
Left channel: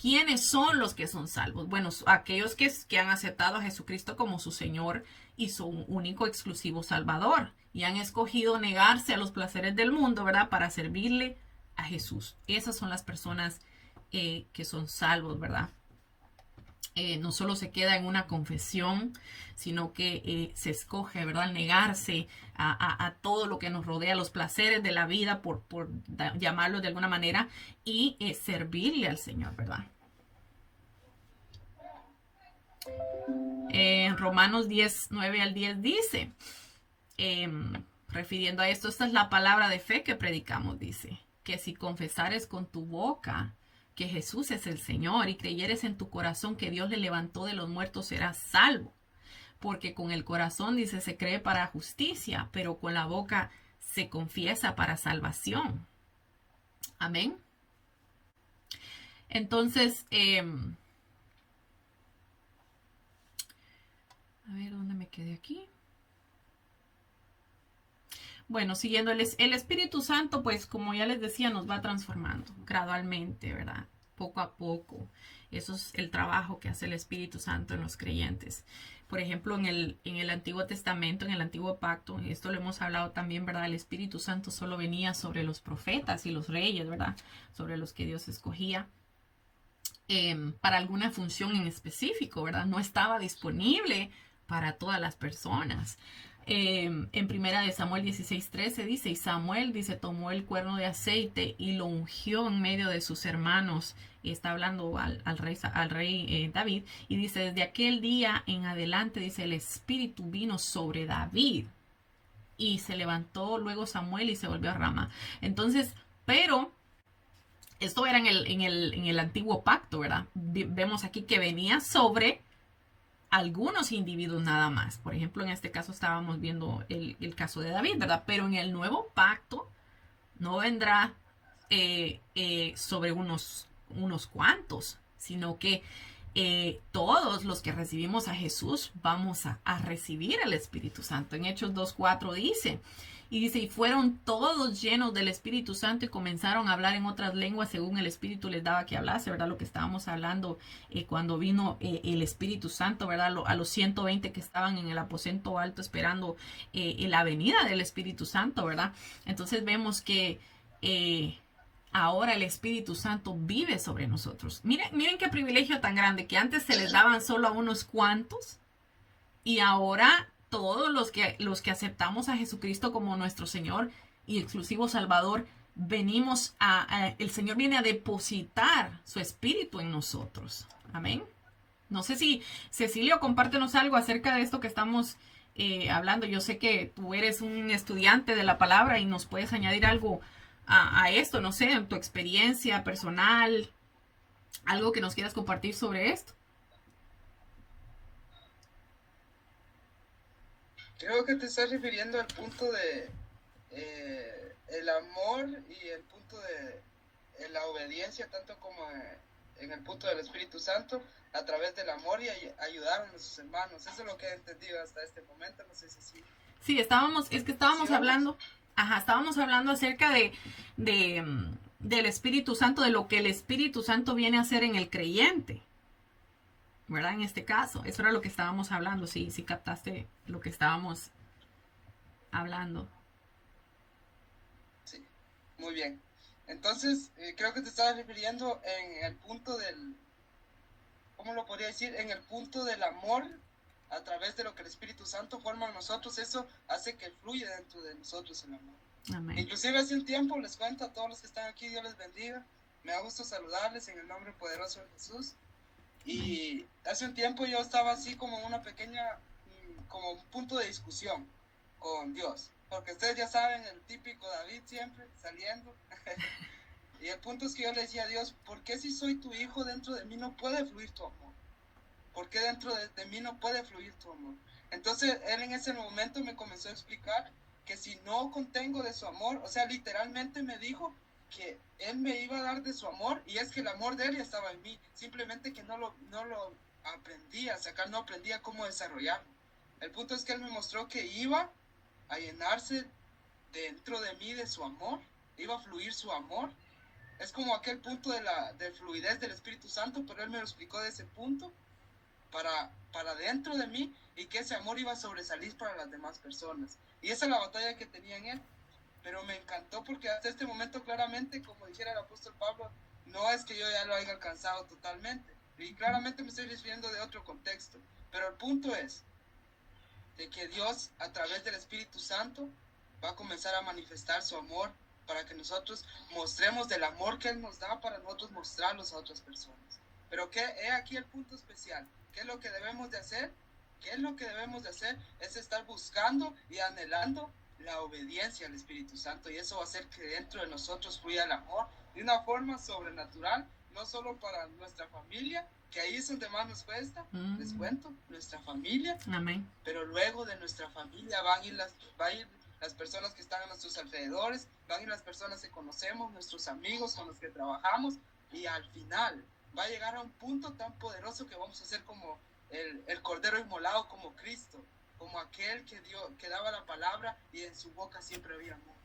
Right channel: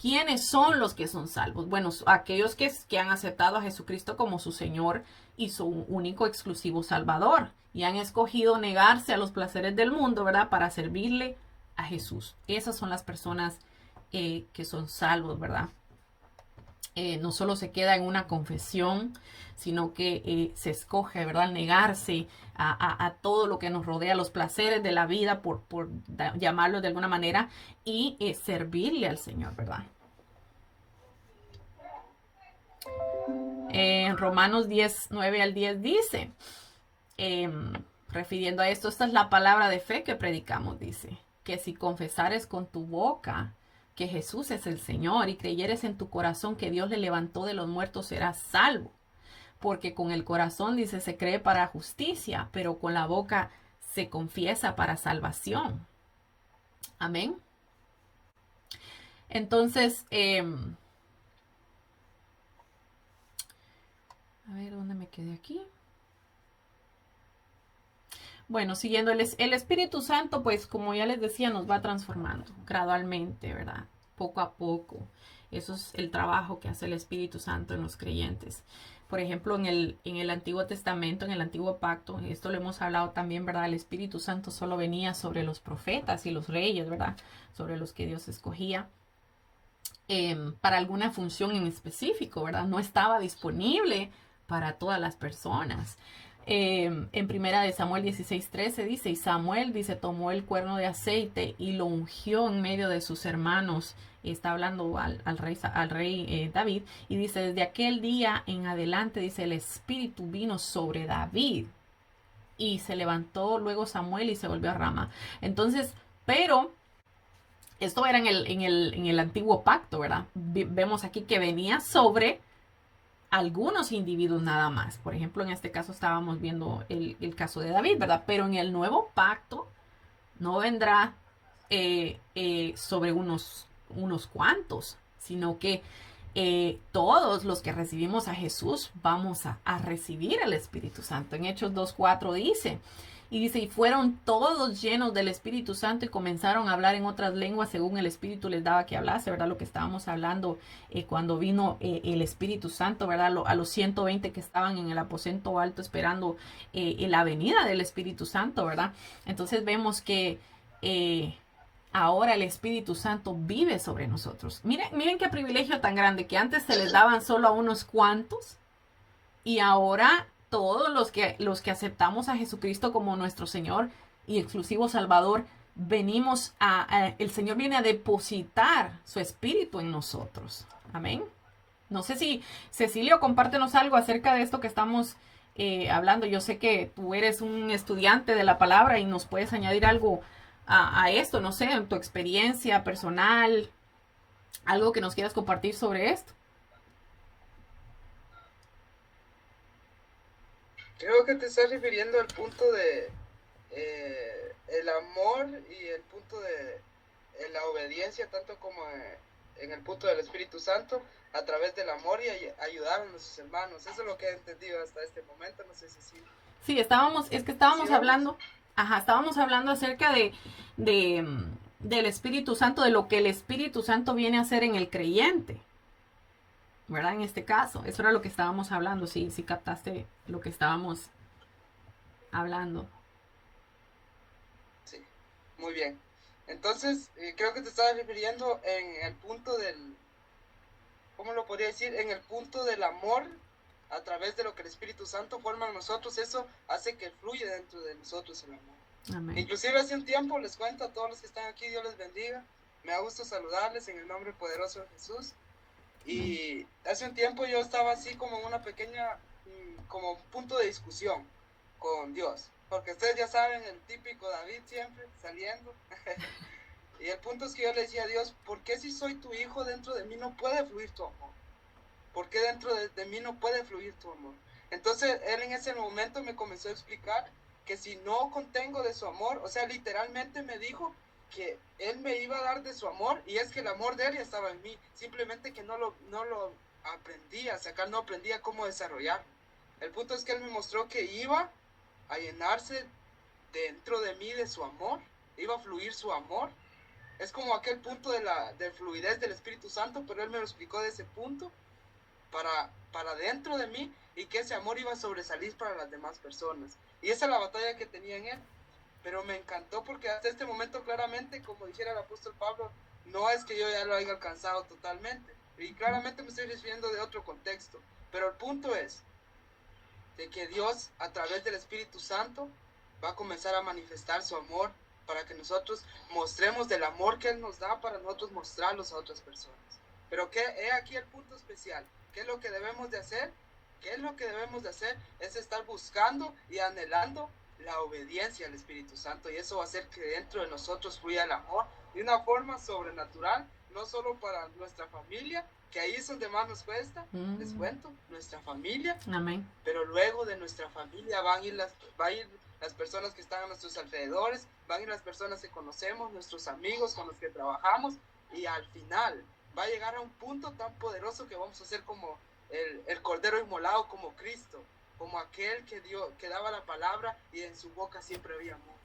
¿Quiénes son los que son salvos? Bueno, aquellos que han aceptado a Jesucristo como su Señor y su único exclusivo Salvador. Y han escogido negarse a los placeres del mundo, ¿verdad? Para servirle a Jesús. Esas son las personas que son salvos, ¿verdad? No solo se queda en una confesión, sino que se escoge, ¿verdad? Negarse a todo lo que nos rodea, los placeres de la vida, por llamarlo de alguna manera, y servirle al Señor, ¿verdad? En Romanos 10, 9 al 10 dice, refiriendo a esto, esta es la palabra de fe que predicamos, dice, que si confesares con tu boca que Jesús es el Señor y creyeres en tu corazón que Dios le levantó de los muertos, serás salvo. Porque con el corazón, dice, se cree para justicia, pero con la boca se confiesa para salvación. Amén. Entonces, a ver, ¿dónde me quedé aquí? Bueno, siguiendo el Espíritu Santo, pues como ya les decía, nos va transformando gradualmente, ¿verdad? Poco a poco. Eso es el trabajo que hace el Espíritu Santo en los creyentes. Por ejemplo, en el Antiguo Testamento, en el Antiguo Pacto, esto lo hemos hablado también, ¿verdad? El Espíritu Santo solo venía sobre los profetas y los reyes, ¿verdad? Sobre los que Dios escogía para alguna función en específico, ¿verdad? No estaba disponible para todas las personas. En primera de Samuel 16:13 dice, y Samuel, dice, tomó el cuerno de aceite y lo ungió en medio de sus hermanos. Y está hablando al rey David. Y dice, desde aquel día en adelante, dice, el Espíritu vino sobre David. Y se levantó luego Samuel y se volvió a Rama. Entonces, pero esto era en el antiguo pacto, ¿verdad? Vemos aquí que venía sobre algunos individuos nada más. Por ejemplo, en este caso estábamos viendo el caso de David, ¿verdad? Pero en el nuevo pacto no vendrá sobre unos cuantos, sino que todos los que recibimos a Jesús vamos a recibir el Espíritu Santo. En Hechos 2:4 dice, y fueron todos llenos del Espíritu Santo y comenzaron a hablar en otras lenguas según el Espíritu les daba que hablase, ¿verdad? Lo que estábamos hablando cuando vino el Espíritu Santo, ¿verdad? A los 120 que estaban en el aposento alto esperando la venida del Espíritu Santo, ¿verdad? Entonces vemos que ahora el Espíritu Santo vive sobre nosotros. Miren qué privilegio tan grande, que antes se les daban solo a unos cuantos y ahora todos los que aceptamos a Jesucristo como nuestro Señor y exclusivo Salvador, el Señor viene a depositar su Espíritu en nosotros. Amén. No sé si, Cecilio, compártenos algo acerca de esto que estamos hablando. Yo sé que tú eres un estudiante de la palabra y nos puedes añadir algo a esto, no sé, en tu experiencia personal, algo que nos quieras compartir sobre esto. Creo que te estás refiriendo al punto de el amor y el punto de la obediencia, tanto como en el punto del Espíritu Santo, a través del amor y ayudar a nuestros hermanos. Eso es lo que he entendido hasta este momento. No sé si sí. Sí, estábamos hablando, estábamos hablando acerca del Espíritu Santo, de lo que el Espíritu Santo viene a hacer en el creyente, ¿verdad? En este caso, eso era lo que estábamos hablando, sí captaste lo que estábamos hablando. Sí, muy bien. Entonces, creo que te estabas refiriendo en el punto del, ¿cómo lo podría decir? En el punto del amor a través de lo que el Espíritu Santo forma en nosotros. Eso hace que fluya dentro de nosotros el amor. Amén. Inclusive hace un tiempo, les cuento a todos los que están aquí, Dios les bendiga. Me da gusto saludarles en el nombre poderoso de Jesús. Y hace un tiempo yo estaba así como una pequeña, como un punto de discusión con Dios. Porque ustedes ya saben, el típico David siempre saliendo. Y el punto es que yo le decía a Dios, ¿por qué si soy tu hijo dentro de mí no puede fluir tu amor? ¿Por qué dentro de mí no puede fluir tu amor? Entonces él en ese momento me comenzó a explicar que si no contengo de su amor, o sea, literalmente me dijo que él me iba a dar de su amor, y es que el amor de él ya estaba en mí, simplemente que no lo aprendía a sacar, no aprendía cómo desarrollar. El punto es que él me mostró que iba a llenarse dentro de mí de su amor, iba a fluir su amor. Es como aquel punto de fluidez del Espíritu Santo, pero él me lo explicó de ese punto para dentro de mí, y que ese amor iba a sobresalir para las demás personas. Y esa es la batalla que tenía en él. Pero me encantó porque hasta este momento claramente, como dijera el apóstol Pablo, no es que yo ya lo haya alcanzado totalmente. Y claramente me estoy refiriendo de otro contexto. Pero el punto es de que Dios, a través del Espíritu Santo, va a comenzar a manifestar su amor para que nosotros mostremos del amor que Él nos da, para nosotros mostrarlos a otras personas. Pero ¿qué es aquí el punto especial? ¿Qué es lo que debemos de hacer? ¿Qué es lo que debemos de hacer? Es estar buscando y anhelando la obediencia al Espíritu Santo, y eso va a hacer que dentro de nosotros fluya el amor de una forma sobrenatural, no solo para nuestra familia, que ahí es donde más nos cuesta, les cuento, nuestra familia. Amén. Pero luego de nuestra familia va a ir las personas que están a nuestros alrededores, van a ir las personas que conocemos, nuestros amigos con los que trabajamos, y al final va a llegar a un punto tan poderoso que vamos a ser como el Cordero inmolado, como Cristo, como aquel que daba la palabra y en su boca siempre había amor.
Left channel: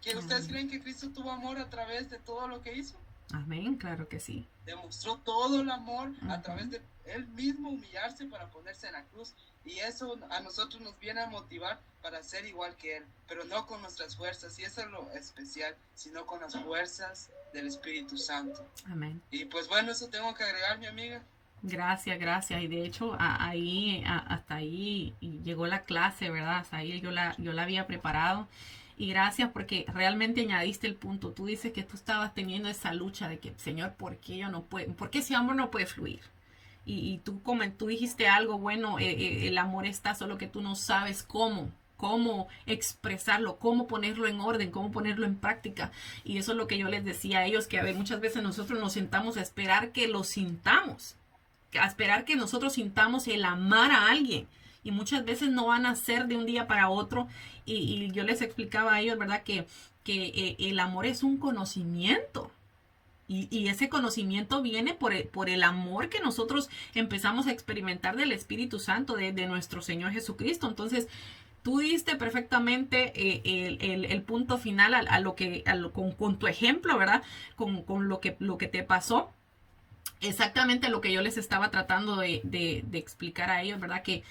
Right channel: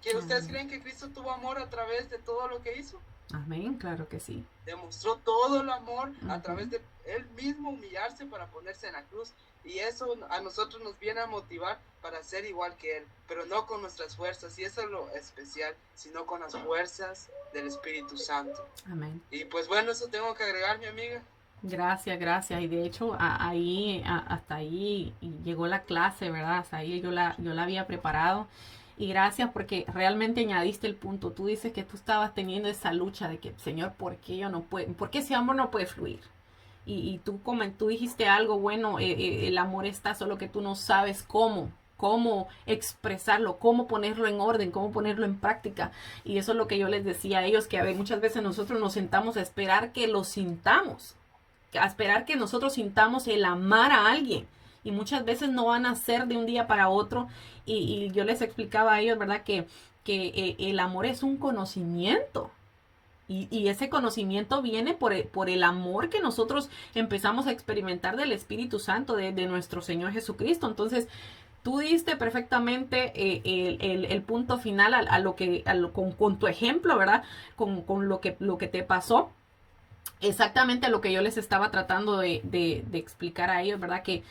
¿Que ustedes creen que Cristo tuvo amor a través de todo lo que hizo? Amén, claro que sí. Demostró todo el amor a través de él mismo humillarse para ponerse en la cruz, y eso a nosotros nos viene a motivar para ser igual que él, pero no con nuestras fuerzas, y eso es lo especial, sino con las fuerzas del Espíritu Santo. Amén. Y pues bueno, eso tengo que agregar, mi amiga. Gracias. Y de hecho, hasta ahí llegó la clase, ¿verdad? Hasta ahí yo la había preparado. Y gracias porque realmente añadiste el punto. Tú dices que tú estabas teniendo esa lucha de que, Señor, ¿por qué yo no puedo? ¿Por qué ese amor no puede fluir? Y tú dijiste algo bueno, el amor está, solo que tú no sabes cómo expresarlo, cómo ponerlo en orden, cómo ponerlo en práctica. Y eso es lo que yo les decía a ellos, que a ver, muchas veces nosotros nos sentamos a esperar que lo sintamos, a esperar que nosotros sintamos el amar a alguien. Y muchas veces no van a ser de un día para otro. Y yo les explicaba a ellos, ¿verdad? Que el amor es un conocimiento. Y ese conocimiento viene por el amor que nosotros empezamos a experimentar del Espíritu Santo, de nuestro Señor Jesucristo. Entonces, tú diste perfectamente el punto final con tu ejemplo, ¿verdad? Con lo que te pasó. Exactamente lo que yo les estaba tratando de explicar a ellos, ¿verdad? Que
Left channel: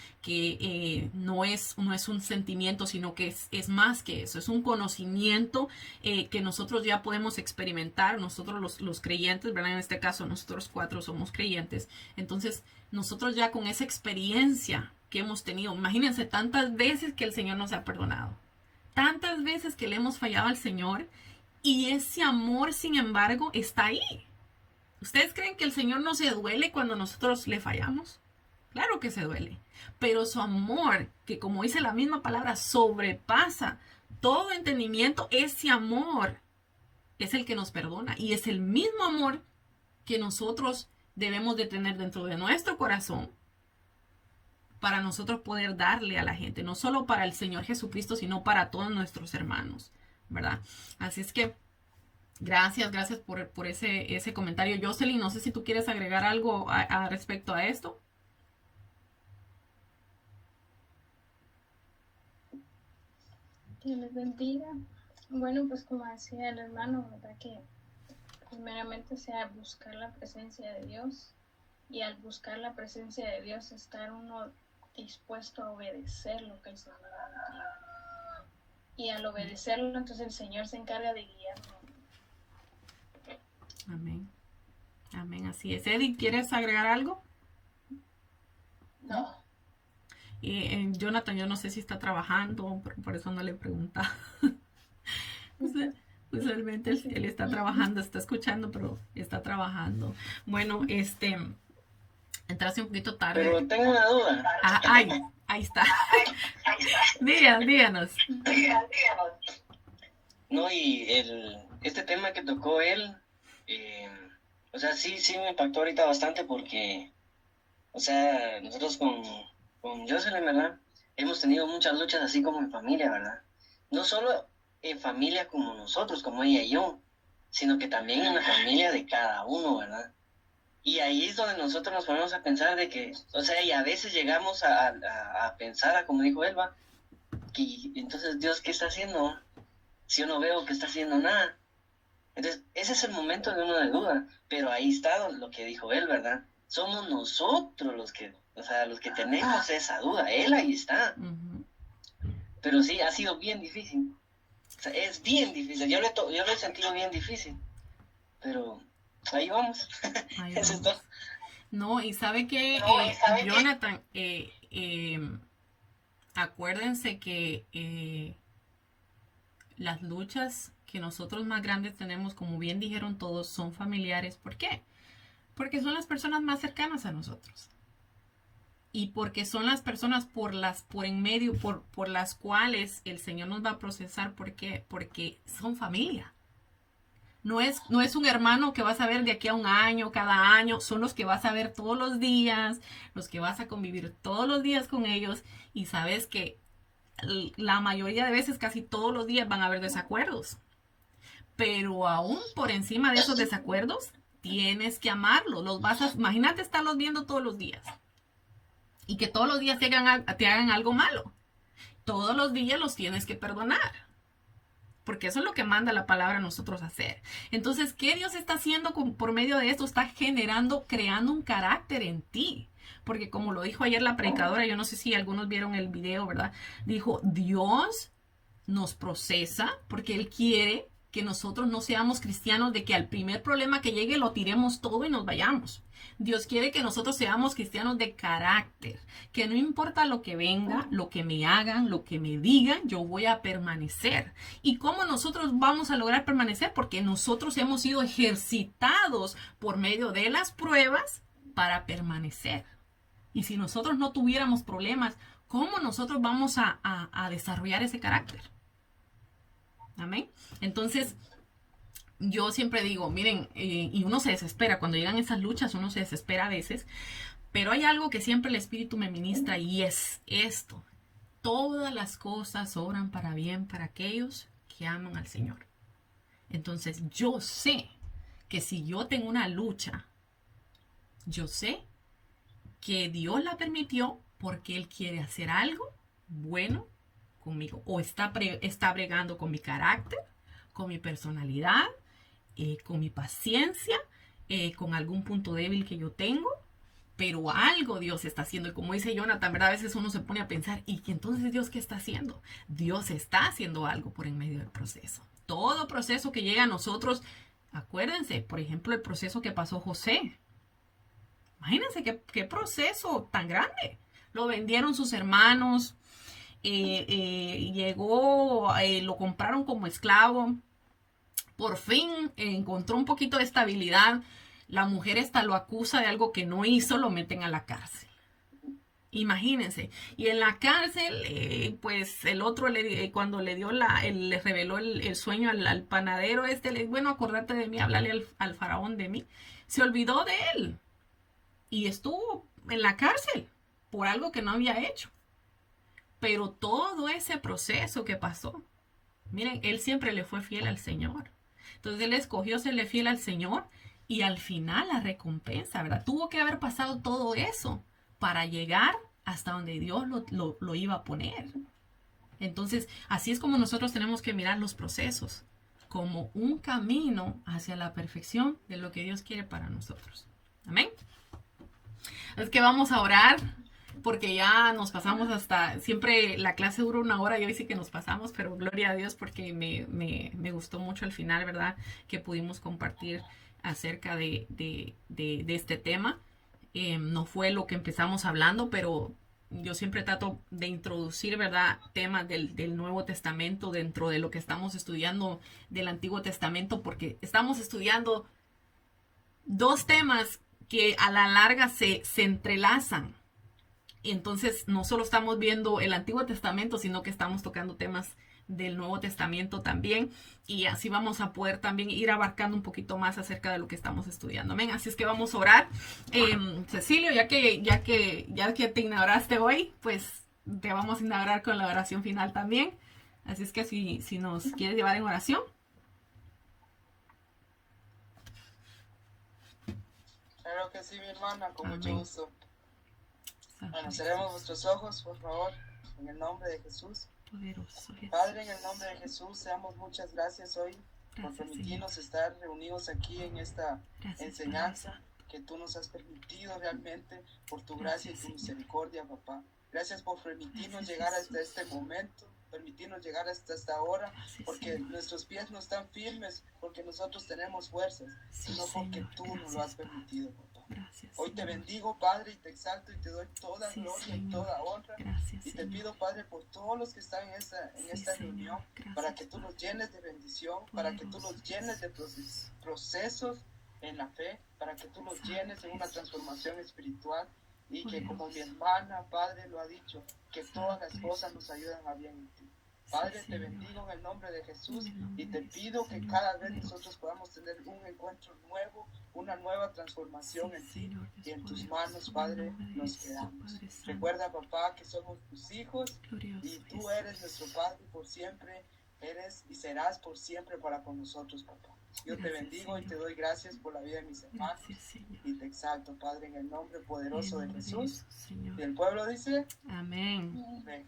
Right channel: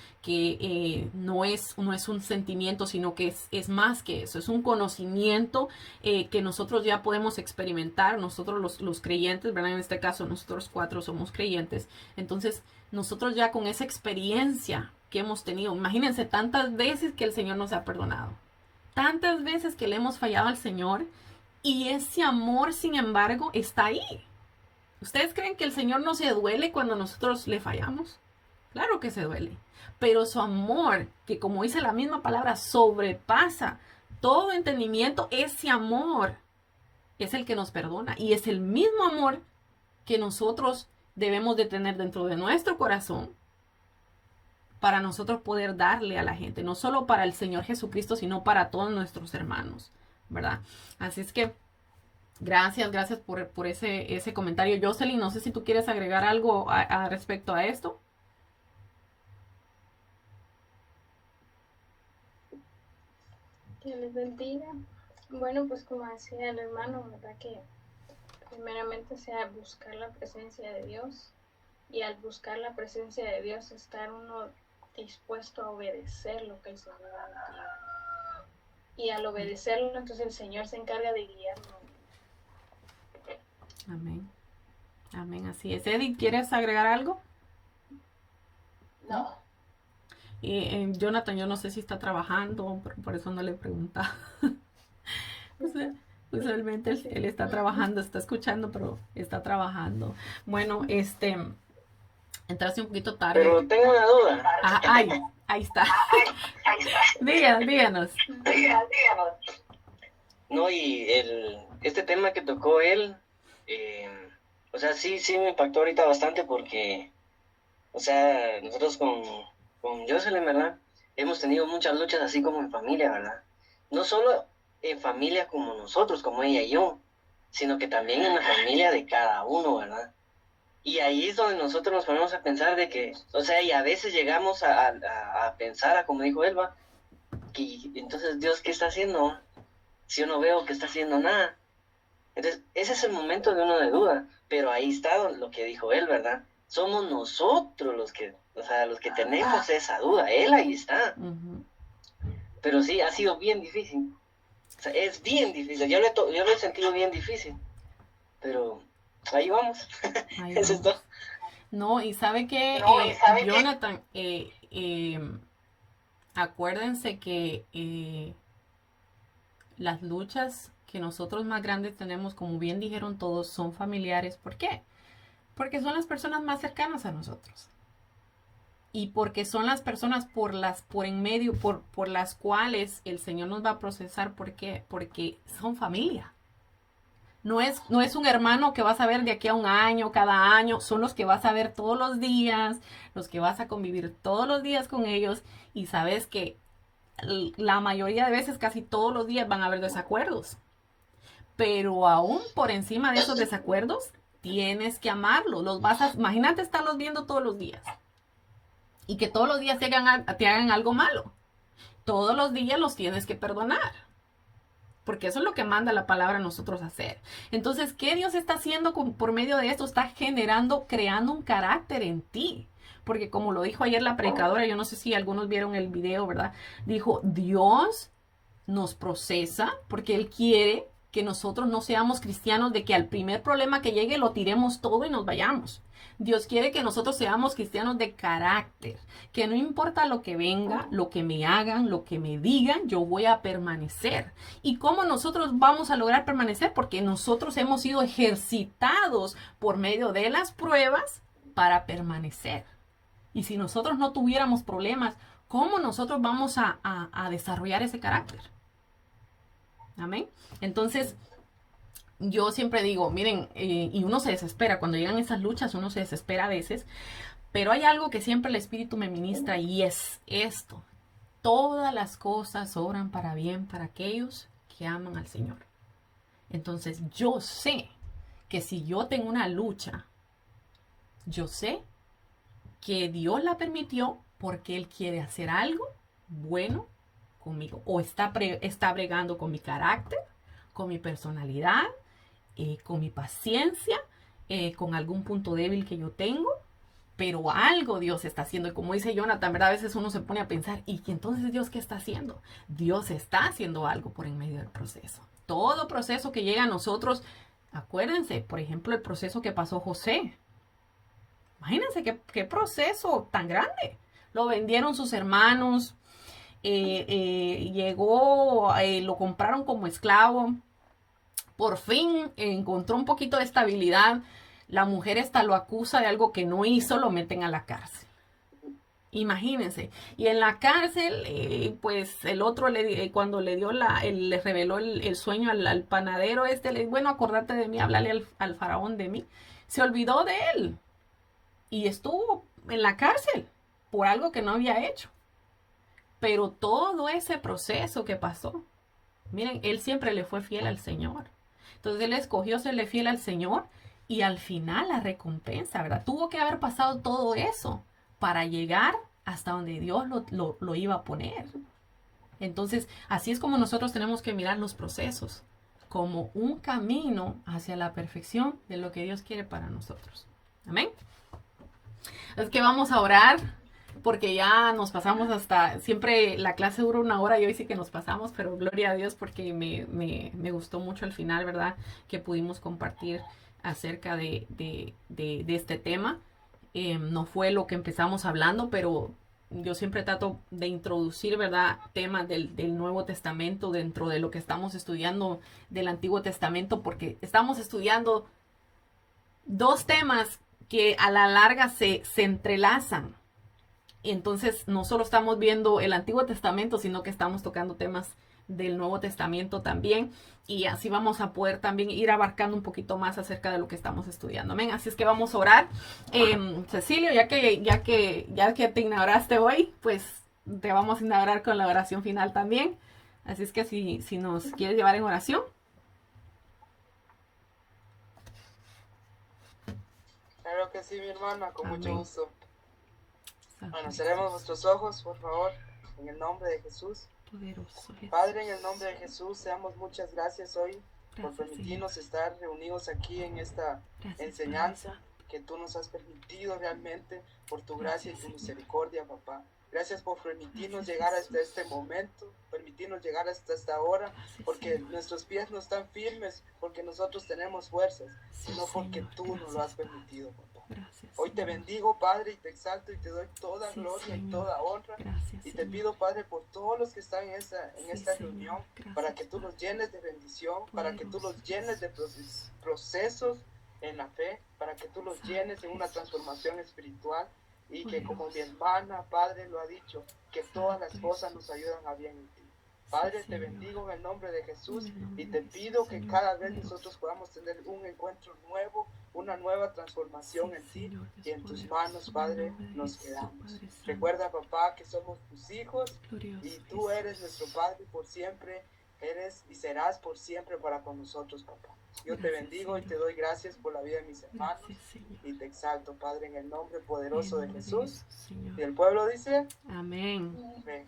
no es un sentimiento, sino que es más que eso. Es un conocimiento que nosotros ya podemos experimentar, nosotros los creyentes, ¿verdad? En este caso, nosotros 4 somos creyentes. Entonces, nosotros ya con esa experiencia que hemos tenido, imagínense tantas veces que el Señor nos ha perdonado, tantas veces que le hemos fallado al Señor, y ese amor, sin embargo, está ahí. ¿Ustedes creen que el Señor no se duele cuando nosotros le fallamos? Claro que se duele. Pero su amor, que como dice la misma palabra, sobrepasa todo entendimiento, ese amor es el que nos perdona. Y es el mismo amor que nosotros debemos de tener dentro de nuestro corazón para nosotros poder darle a la gente, no solo para el Señor Jesucristo, sino para todos nuestros hermanos, ¿verdad? Así es que gracias por ese comentario. Jocelyn, no sé si tú quieres agregar algo respecto a esto. Dios les bendiga. Bueno, pues como decía el hermano, ¿verdad? Que primeramente sea buscar la presencia de Dios, y al buscar la presencia de Dios estar uno dispuesto a obedecer lo que el Señor nos diga. Y al obedecerlo, entonces el Señor se encarga de guiarnos. Amén. Amén, así es. Edith, ¿quieres agregar algo? No. Jonathan, yo no sé si está trabajando, por eso no le preguntaba. O sea, usualmente él está trabajando, está escuchando, pero está trabajando. Bueno, entraste un poquito tarde. Pero tengo una duda. Ah, ahí está. Díganos. No, y este tema que tocó él, o sea, sí me impactó ahorita bastante porque, o sea, nosotros con Jocelyn, ¿verdad? Hemos tenido muchas luchas así como en familia, ¿verdad? No solo en familia como nosotros, como ella y yo, sino que también en la familia de cada uno, ¿verdad? Y ahí es donde nosotros nos ponemos a pensar de que, o sea, y a veces llegamos a pensar, como dijo Elba, que entonces Dios, ¿qué está haciendo? Si yo no veo que está haciendo nada. Entonces, ese es el momento de uno de duda, pero ahí está lo que dijo él, ¿verdad? Somos nosotros los que, o sea, los que tenemos esa duda, él ahí está. Uh-huh. Pero sí, ha sido bien difícil. O sea, es bien difícil, yo lo he sentido bien difícil, pero ahí vamos. Ahí Eso es vamos. todo. No, y sabe que Jonathan, acuérdense que las luchas que nosotros más grandes tenemos, como bien dijeron todos, son familiares. ¿Por qué? Porque son las personas más cercanas a nosotros. Y porque son las personas por las cuales el Señor nos va a procesar. ¿Por qué? Porque son familia. No es un hermano que vas a ver de aquí a un año, cada año. Son los que vas a ver todos los días, los que vas a convivir todos los días con ellos. Y sabes que la mayoría de veces, casi todos los días, van a haber desacuerdos. Pero aún por encima de esos desacuerdos, tienes que amarlos. Imagínate estarlos viendo todos los días. Y que todos los días te hagan algo malo. Todos los días los tienes que perdonar. Porque eso es lo que manda la palabra a nosotros hacer. Entonces, ¿qué Dios está haciendo por medio de esto? Está creando un carácter en ti. Porque como lo dijo ayer la predicadora, yo no sé si algunos vieron el video, ¿verdad? Dijo, Dios nos procesa porque Él quiere que nosotros no seamos cristianos de que al primer problema que llegue lo tiremos todo y nos vayamos. Dios quiere que nosotros seamos cristianos de carácter, que no importa lo que venga, lo que me hagan, lo que me digan, yo voy a permanecer. ¿Y cómo nosotros vamos a lograr permanecer? Porque nosotros hemos sido ejercitados por medio de las pruebas para permanecer. Y si nosotros no tuviéramos problemas, ¿cómo nosotros vamos a desarrollar ese carácter? Amén. Entonces, yo siempre digo, miren, y uno se desespera, cuando llegan esas luchas, uno se desespera a veces, pero hay algo que siempre el Espíritu me ministra y es esto. Todas las cosas obran para bien para aquellos que aman al Señor. Entonces, yo sé que si yo tengo una lucha, yo sé que Dios la permitió porque Él quiere hacer algo bueno conmigo, o está bregando con mi carácter, con mi personalidad, con mi paciencia, con algún punto débil que yo tengo, pero algo Dios está haciendo. Y como dice Jonathan, ¿verdad? A veces uno se pone a pensar, ¿y entonces Dios qué está haciendo? Dios está haciendo algo por en medio del proceso. Todo proceso que llega a nosotros, acuérdense, por ejemplo, el proceso que pasó José. Imagínense qué proceso tan grande. Lo vendieron sus hermanos, llegó, lo compraron como esclavo. Por fin encontró un poquito de estabilidad. La mujer esta lo acusa de algo que no hizo, lo meten a la cárcel. Imagínense. Y en la cárcel, pues el otro, cuando le dio le reveló el sueño al panadero bueno, acordate de mí, háblale al faraón de mí. Se olvidó de él. Y estuvo en la cárcel por algo que no había hecho. Pero todo ese proceso que pasó, miren, él siempre le fue fiel al Señor. Entonces él escogió serle fiel al Señor y al final la recompensa, ¿verdad? Tuvo que haber pasado todo eso para llegar hasta donde Dios lo iba a poner. Entonces, así es como nosotros tenemos que mirar los procesos, como un camino hacia la perfección de lo que Dios quiere para nosotros. Amén. Es que vamos a orar, porque ya nos pasamos siempre la clase dura 1 hora y hoy sí que nos pasamos, pero gloria a Dios porque me gustó mucho al final, ¿verdad? Que pudimos compartir acerca de este tema. No fue lo que empezamos hablando, pero yo siempre trato de introducir, ¿verdad? Temas del Nuevo Testamento dentro de lo que estamos estudiando del Antiguo Testamento, porque estamos estudiando 2 temas que a la larga se entrelazan. Entonces, no solo estamos viendo el Antiguo Testamento, sino que estamos tocando temas del Nuevo Testamento también. Y así vamos a poder también ir abarcando un poquito más acerca de lo que estamos estudiando. Amén. Así es que vamos a orar. Cecilio, ya que te inauguraste hoy, pues te vamos a inaugurar con la oración final también. Así es que si nos quieres llevar en oración. Claro que sí, mi hermana, con Amén. mucho gusto. Bueno, cerremos nuestros ojos, por favor, en el nombre de Jesús. Poderoso Jesús. Padre, en el nombre de Jesús, seamos muchas gracias hoy por Gracias, permitirnos estar reunidos aquí en esta Gracias, enseñanza Padre Santo. que tú nos has permitido realmente por tu gracia y Gracias, tu Señor. misericordia, papá. Gracias por permitirnos Gracias, llegar Jesús. hasta este momento, permitirnos llegar hasta esta hora, Gracias, porque Señor. nuestros pies no están firmes, porque nosotros tenemos fuerzas, Sí, sino porque Señor. tú nos lo has Gracias, Padre. permitido, papá. Gracias, Hoy te Señor. bendigo, Padre, y te exalto y te doy toda Sí, gloria y Señor. toda honra. Gracias, Y te Señor. pido, Padre, por todos los que están en Sí, esta Señor. reunión, Gracias, para que tú Padre. los llenes de bendición, para que tú los Poderoso llenes de Jesús. procesos en la fe, para que tú los Santo llenes en una Jesús. transformación espiritual y que como mi Poderoso. hermana, Padre, lo ha dicho, que todas las Santo cosas Jesús. nos ayudan a bien en ti. Sí, Padre, te Señor. bendigo en el nombre de Jesús En el nombre y de te Jesús, pido que Señor cada vez poderoso. nosotros podamos tener un encuentro nuevo, una nueva transformación Sí, en ti Señor y en Dios tus poderoso. manos, En el Padre, nombre de nos Jesús, quedamos. Padre Santo. Recuerda, papá, que somos tus hijos Glorioso y tú Jesús. eres nuestro Padre por siempre, eres y serás por siempre para con nosotros, papá. Yo te Gracias, bendigo y Señor. te doy gracias por la vida de mis hermanos Gracias, Señor. y te exalto, Padre, en el nombre En el poderoso de nombre de Jesús. Jesús, Señor. Y el pueblo dice, Amén. amén.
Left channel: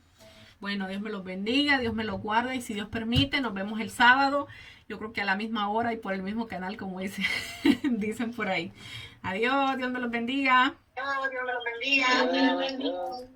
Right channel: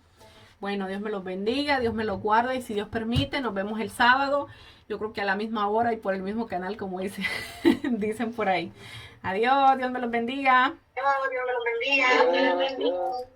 Bueno, Dios me los bendiga, Dios me los guarde y si Dios permite, nos vemos el sábado. Yo creo que a la misma hora y por el mismo canal, como dicen por ahí. Adiós, Dios me los bendiga. Dios me lo bendiga. Dios.